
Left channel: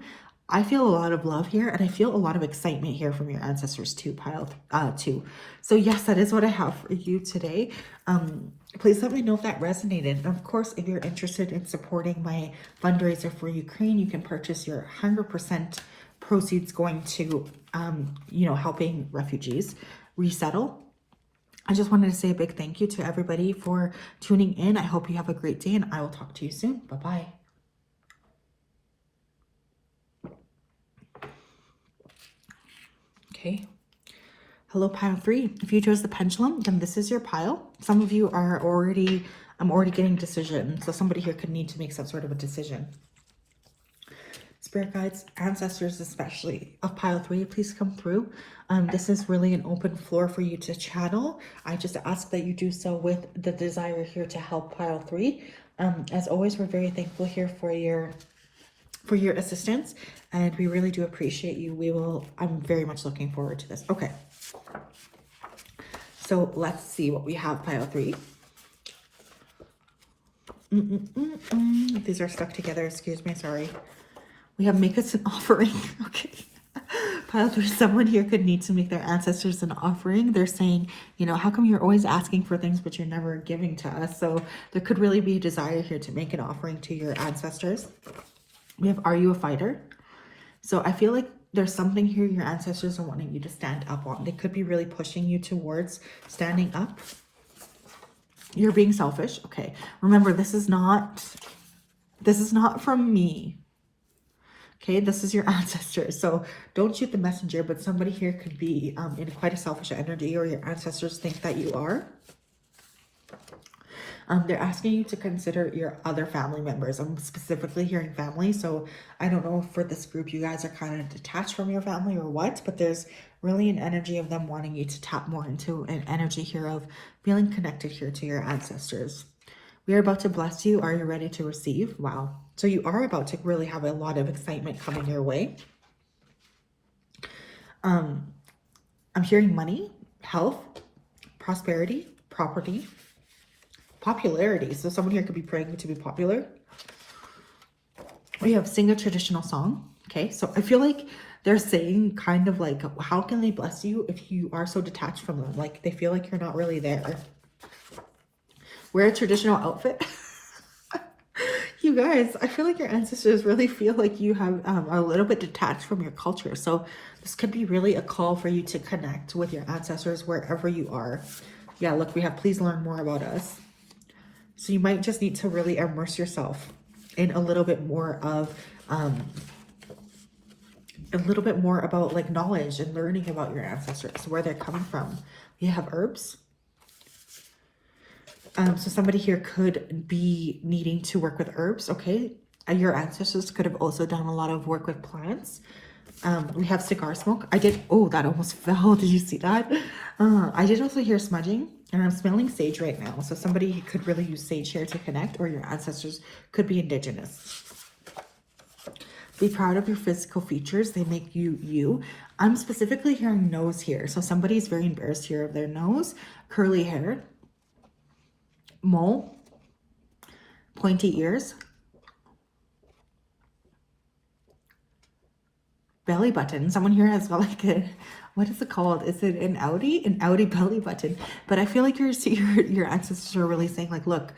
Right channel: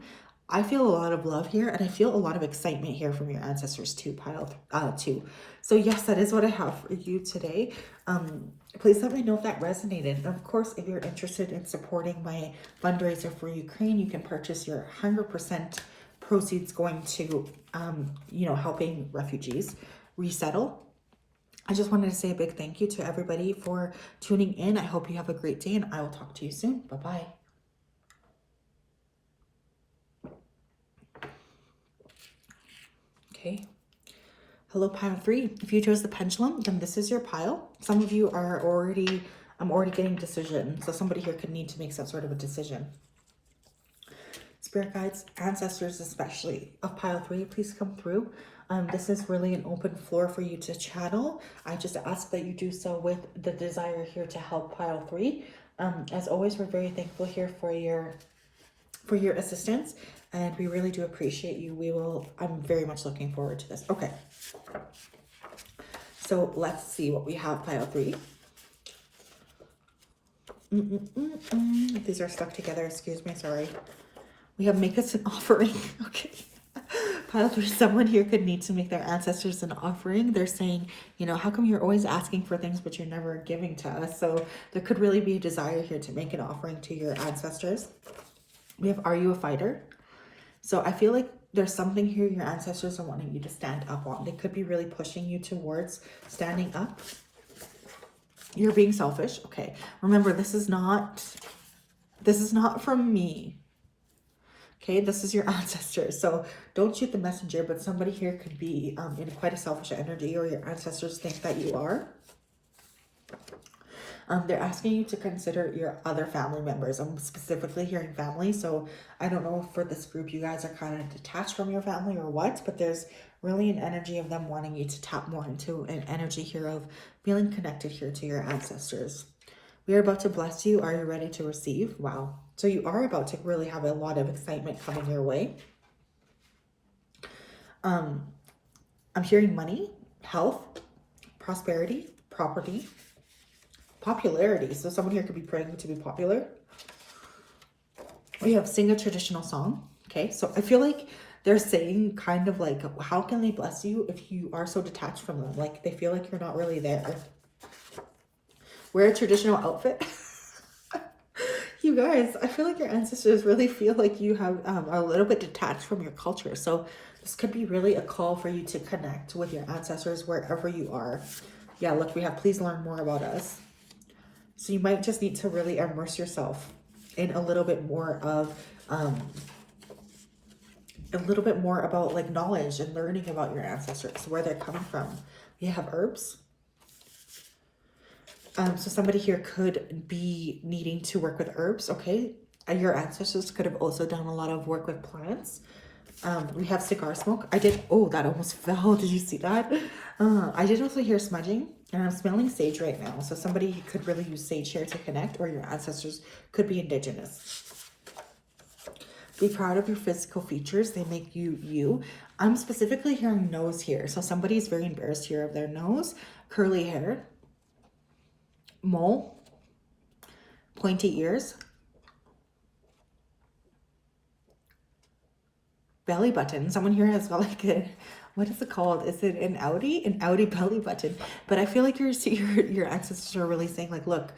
I feel a lot of love here, and I feel a lot of excitement here from your ancestors too, pile 2. So yes, that is what I have for you today. Please let me know if that resonated. And of course, if you're interested in supporting my fundraiser for Ukraine, you can purchase your 100% proceeds going to, helping refugees resettle. I just wanted to say a big thank you to everybody for tuning in. I hope you have a great day, and I will talk to you soon. Bye-bye. Okay. Hello, pile 3. If you chose the pendulum, then this is your pile. Some of you are I'm already getting decisions. So somebody here could need to make some sort of a decision. Spirit guides, ancestors especially of pile 3, please come through. This is really an open floor for you to channel. I just ask that you do so with the desire here to help pile 3. As always, we're very thankful here for your assistance, and we really do appreciate you. I'm very much looking forward to this. Okay. So let's see what we have, pile 3. These are stuck together. Excuse me. Sorry. We have make us an offering. Okay. Pile 3, someone here could need to make their ancestors an offering. They're saying, how come you're always asking for things, but you're never giving to us? So there could really be a desire here to make an offering to your ancestors. We have, are you a fighter? So I feel like there's something here your ancestors are wanting you to stand up on. They could be really pushing you towards standing up. You're being selfish. Okay. Remember, this is not from me. Okay, this is your ancestors. So don't shoot the messenger, but somebody here could be in quite a selfish energy, or your ancestors think that you are. They're asking you to consider your other family members. I'm specifically hearing family. So I don't know if for this group, you guys are kind of detached from your family or what, but there's really an energy of them wanting you to tap more into an energy here of feeling connected here to your ancestors. We are about to bless you. Are you ready to receive? Wow. So you are about to really have a lot of excitement coming your way. I'm hearing money, health, prosperity, property, popularity. So someone here could be praying to be popular. We have sing a traditional song. Okay, so I feel like they're saying kind of like, how can they bless you if you are so detached from them? Like they feel like you're not really there. Wear a traditional outfit. You guys, I feel like your ancestors really feel like you have are a little bit detached from your culture. So this could be really a call for you to connect with your ancestors wherever you are. Yeah, look, we have please learn more about us. So you might just need to really immerse yourself in a little bit more of about like knowledge and learning about your ancestors, where they're coming from. We have herbs. So somebody here could be needing to work with herbs, okay? And your ancestors could have also done a lot of work with plants. We have cigar smoke. Oh, that almost fell. Did you see that? I did also hear smudging, and I'm smelling sage right now. So somebody could really use sage here to connect, or your ancestors could be indigenous. Be proud of your physical features. They make you you. I'm specifically hearing nose here. So somebody's very embarrassed here of their nose, curly hair, mole, pointy ears, belly button. Someone here has like a, what is it called? Is it an Audi? An Audi belly button. But I feel like your ancestors are really saying like, look,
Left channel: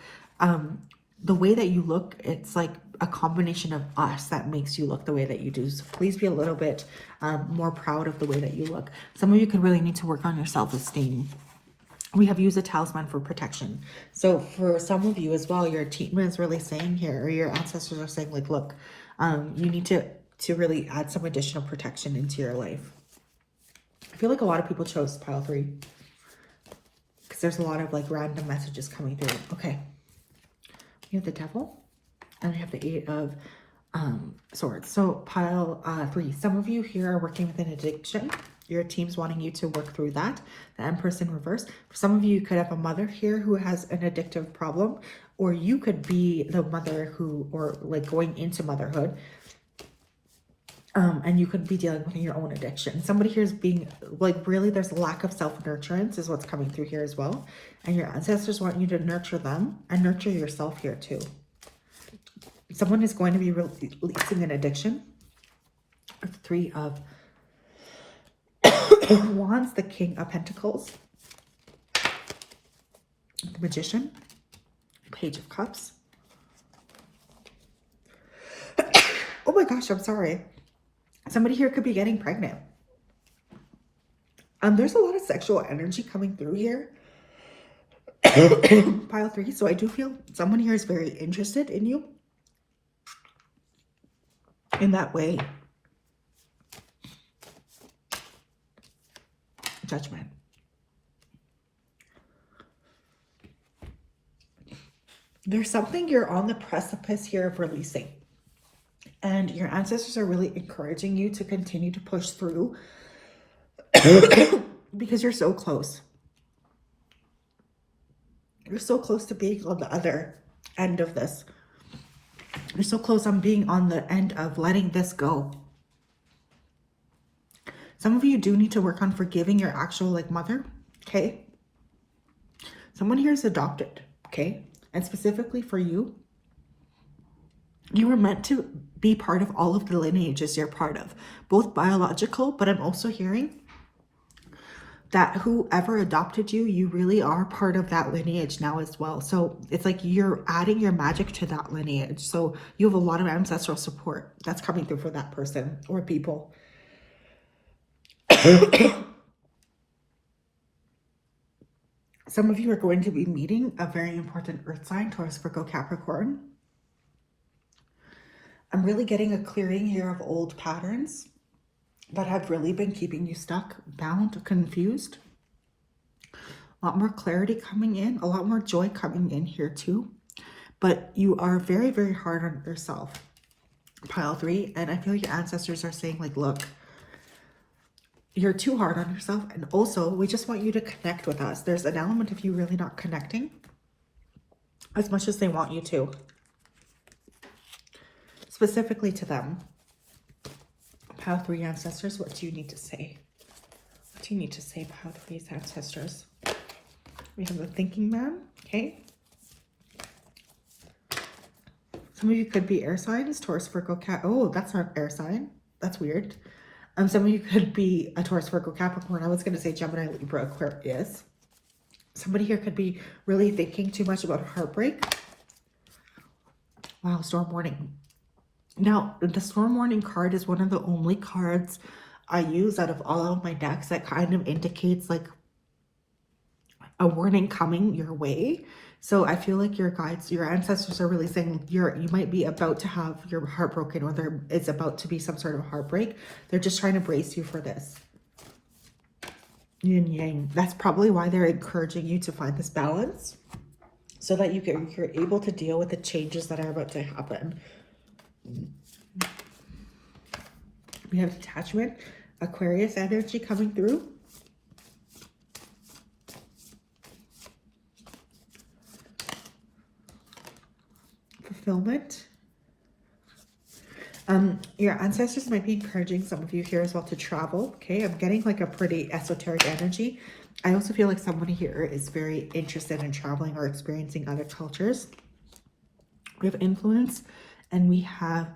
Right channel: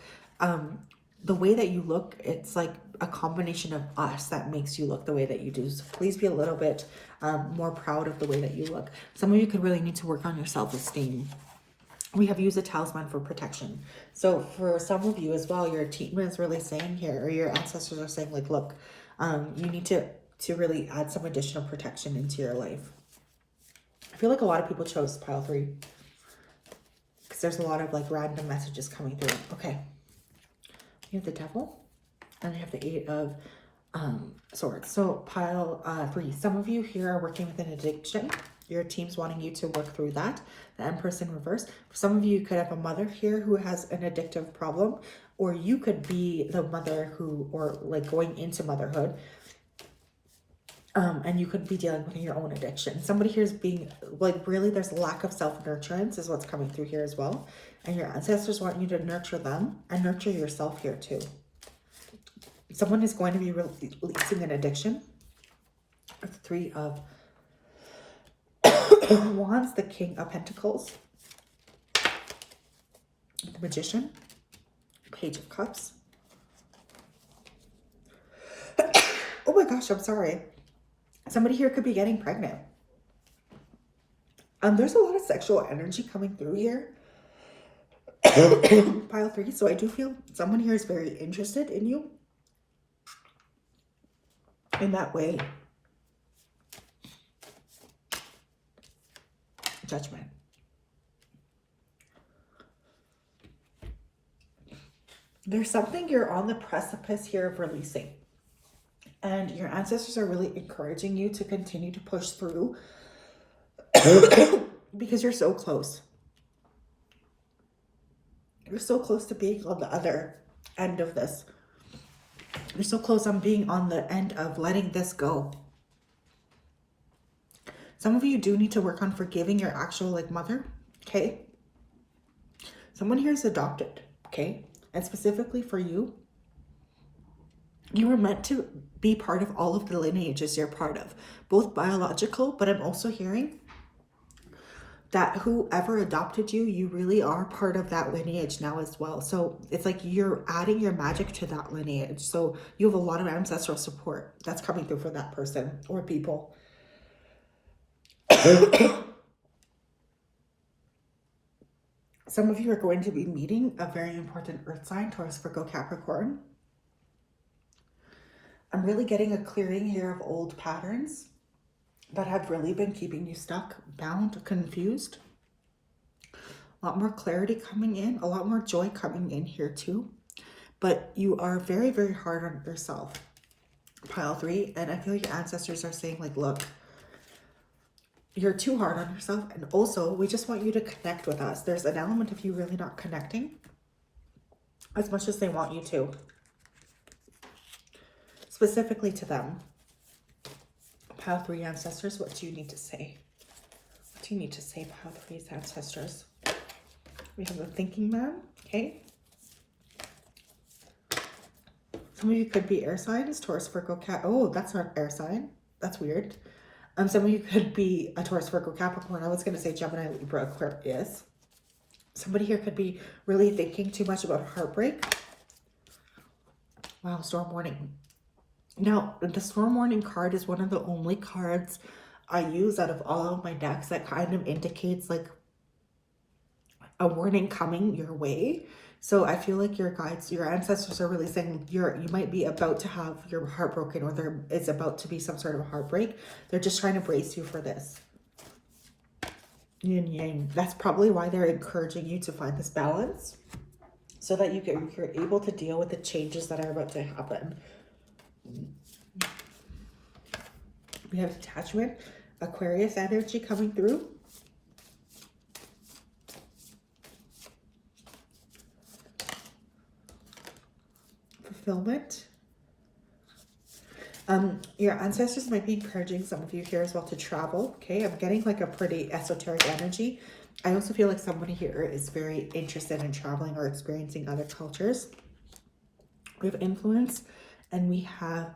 the way that you look, it's like a combination of us that makes you look the way that you do. So please be a little bit more proud of the way that you look. Some of you could really need to work on your self-esteem. We have used a talisman for protection. So for some of you as well, your team is really saying here, or your ancestors are saying like, look, you need to really add some additional protection into your life. I feel like a lot of people chose pile 3 because there's a lot of like random messages coming through. Okay. We have the devil and we have the 8 of swords. So pile 3, some of you here are working with an addiction. Your team's wanting you to work through that. The Empress in reverse. For some of you, you could have a mother here who has an addictive problem, or you could be the mother who, or like going into motherhood. And you could be dealing with your own addiction. Somebody here is being like, really, there's a lack of self-nurturance is what's coming through here as well. And your ancestors want you to nurture them and nurture yourself here too. Someone is going to be releasing an addiction. 3 of Wands, the King of Pentacles, the Magician, Page of Cups. Oh my gosh, I'm sorry. Somebody here could be getting pregnant. There's a lot of sexual energy coming through here. Pile 3. So I do feel someone here is very interested in you in that way. Judgment. There's something you're on the precipice here of releasing. And your ancestors are really encouraging you to continue to push through because you're so close. You're so close to being on the other end of this. You're so close on being on the end of letting this go. Some of you do need to work on forgiving your actual like mother, okay? Someone here is adopted, okay? And specifically for you, you were meant to be part of all of the lineages you're part of, both biological, but I'm also hearing that whoever adopted you, you really are part of that lineage now as well. So it's like you're adding your magic to that lineage. So you have a lot of ancestral support that's coming through for that person or people. Some of you are going to be meeting a very important earth sign, Taurus, Virgo, Capricorn. I'm really getting a clearing here of old patterns that have really been keeping you stuck, bound, confused. A lot more clarity coming in, a lot more joy coming in here too. But you are very, very hard on yourself, pile 3. And I feel your ancestors are saying like, look, you're too hard on yourself. And also, we just want you to connect with us. There's an element of you really not connecting as much as they want you to. Specifically to them. Pile 3 ancestors, what do you need to say? What do you need to say, Pile 3's ancestors? We have the thinking man, okay? Some of you could be air signs, Taurus, Virgo, Cat. Oh, that's not air sign. That's weird. Some of you could be a Taurus, Virgo, Capricorn. I was going to say Gemini, Libra, Aquarius. Somebody here could be really thinking too much about heartbreak. Wow, storm warning. Now, the storm warning card is one of the only cards I use out of all of my decks that kind of indicates like a warning coming your way. So I feel like your guides, your ancestors are really saying you might be about to have your heart broken, or there is about to be some sort of heartbreak. They're just trying to brace you for this. Yin yang. That's probably why they're encouraging you to find this balance so that you're able to deal with the changes that are about to happen. We have detachment, Aquarius energy coming through. Fulfillment. Your ancestors might be encouraging some of you here as well to travel. Okay, I'm getting like a pretty esoteric energy. I also feel like somebody here is very interested in traveling or experiencing other cultures. We have influence and we have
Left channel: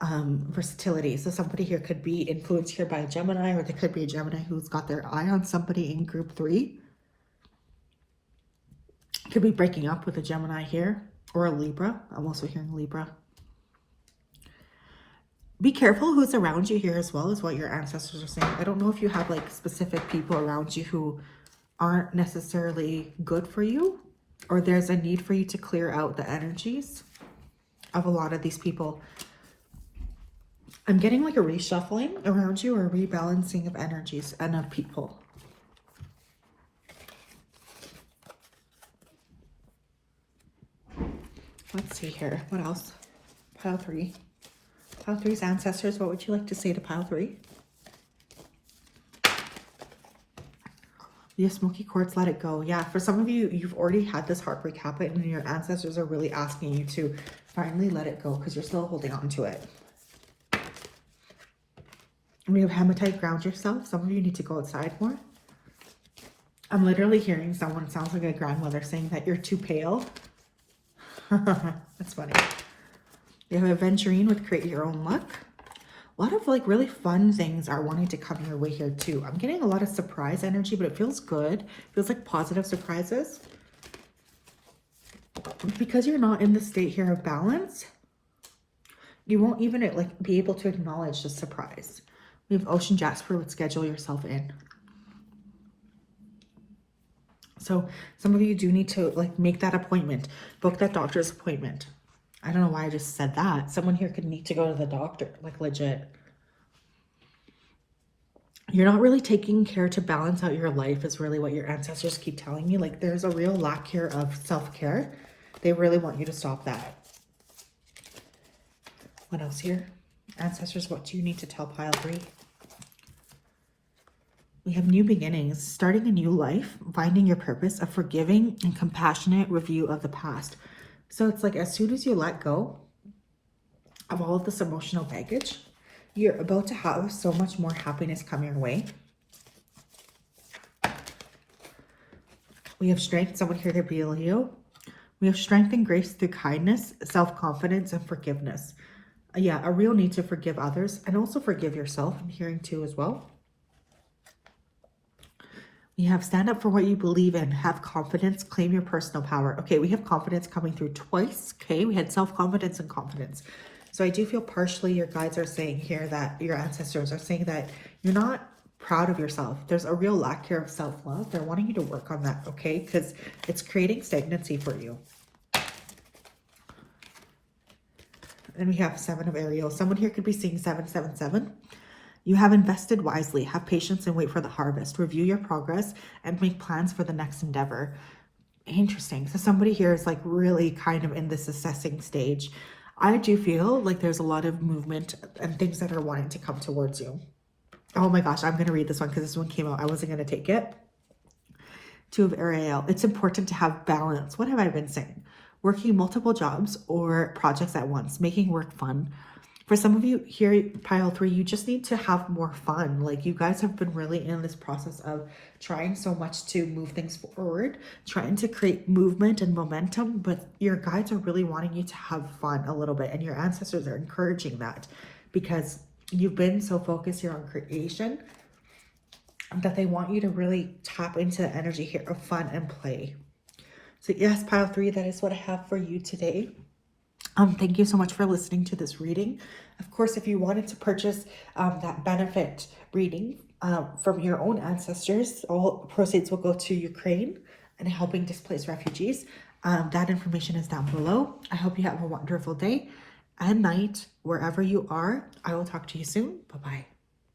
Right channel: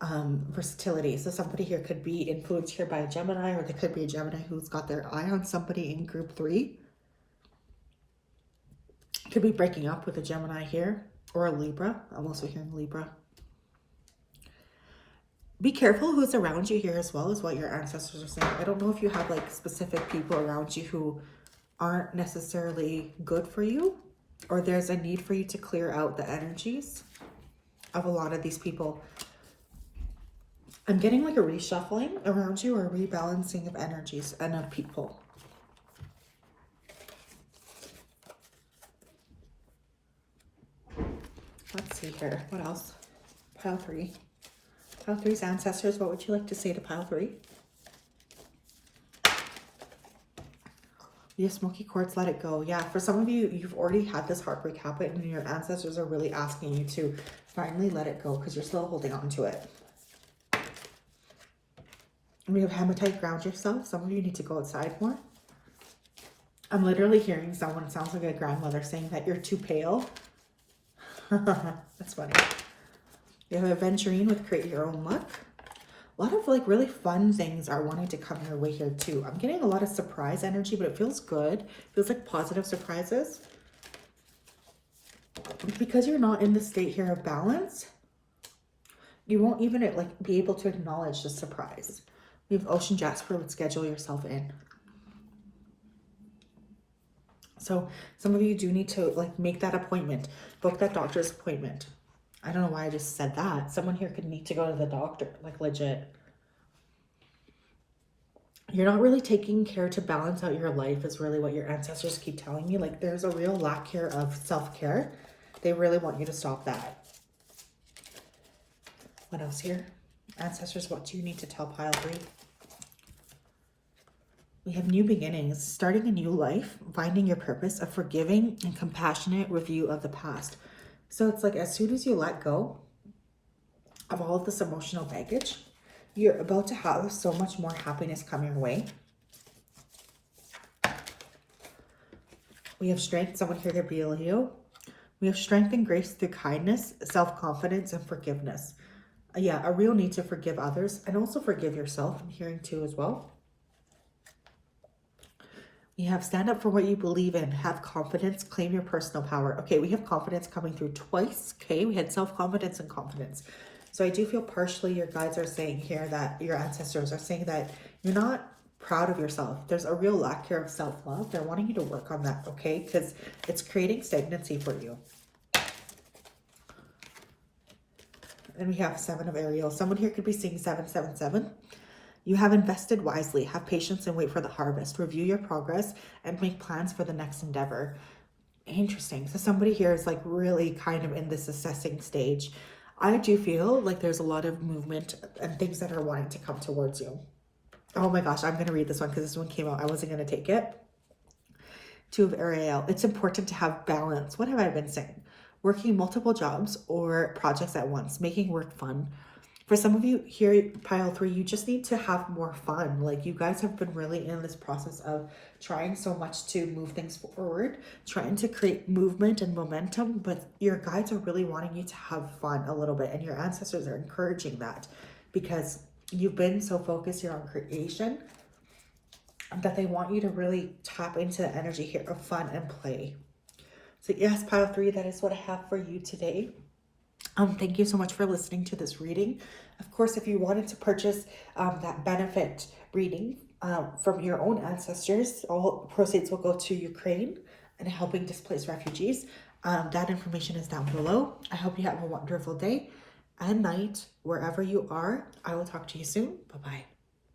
versatility. So somebody here could be influenced here by a Gemini, or they could be a Gemini who's got their eye on somebody in group 3. Could be breaking up with a Gemini here, or a Libra. I'm also hearing Libra. Be careful who's around you here as well, is what your ancestors are saying. I don't know if you have like specific people around you who aren't necessarily good for you, or there's a need for you to clear out the energies of a lot of these people. I'm getting like a reshuffling around you, or a rebalancing of energies and of people. Let's see here. What else? Pile 3. Pile 3's ancestors, what would you like to say to Pile 3? Yeah, smoky quartz, let it go. Yeah, for some of you, you've already had this heartbreak happen, and your ancestors are really asking you to finally let it go because you're still holding on to it. And we have hematite, ground yourself. Some of you need to go outside more. I'm literally hearing someone, sounds like a grandmother, saying that you're too pale. That's funny. You have Aventurine with create your own luck. A lot of like really fun things are wanting to come your way here too. I'm getting a lot of surprise energy, but it feels good. It feels like positive surprises. Because you're not in the state here of balance, you won't even like be able to acknowledge the surprise. We have Ocean Jasper with schedule yourself in. So some of you do need to like make that appointment, book that doctor's appointment. I don't know why I just said that. Someone here could need to go to the doctor, like legit. You're not really taking care to balance out your life is really what your ancestors keep telling me. Like there's a real lack here of self-care. They really want you to stop that. What else here? Ancestors, what do you need to tell Pile 3? We have new beginnings, starting a new life, finding your purpose, a forgiving and compassionate review of the past. So it's like as soon as you let go of all of this emotional baggage, you're about to have so much more happiness come your way. We have strength. Someone here could be a Leo. We have strength and grace through kindness, self-confidence, and forgiveness. Yeah, a real need to forgive others and also forgive yourself. I'm hearing too as well. You have stand up for what you believe in, have confidence, claim your personal power. Okay, we have confidence coming through twice. Okay, we had self-confidence and confidence. So I do feel partially your guides are saying here that your ancestors are saying that you're not proud of yourself. There's a real lack here of self-love. They're wanting you to work on that, okay? Because it's creating stagnancy for you. And we have 7 of Ariel. Someone here could be seeing 777. You have invested wisely. Have patience and wait for the harvest. Review your progress and make plans for the next endeavor. Interesting. So somebody here is like really kind of in this assessing stage. I do feel like there's a lot of movement and things that are wanting to come towards you. Oh my gosh, I'm going to read this one because this one came out. I wasn't going to take it. 2 of Ariel. It's important to have balance. What have I been saying? Working multiple jobs or projects at once, making work fun. For some of you here, pile 3, you just need to have more fun. Like you guys have been really in this process of trying so much to move things forward, trying to create movement and momentum, but your guides are really wanting you to have fun a little bit, and your ancestors are encouraging that because you've been so focused here on creation that they want you to really tap into the energy here of fun and play. So yes, pile 3, that is what I have for you today. Thank you so much for listening to this reading. Of course, if you wanted to purchase that benefit reading from your own ancestors, all proceeds will go to Ukraine and helping displaced refugees. That information is down below. I hope you have a wonderful day and night wherever you are. I will talk to you soon. Bye-bye.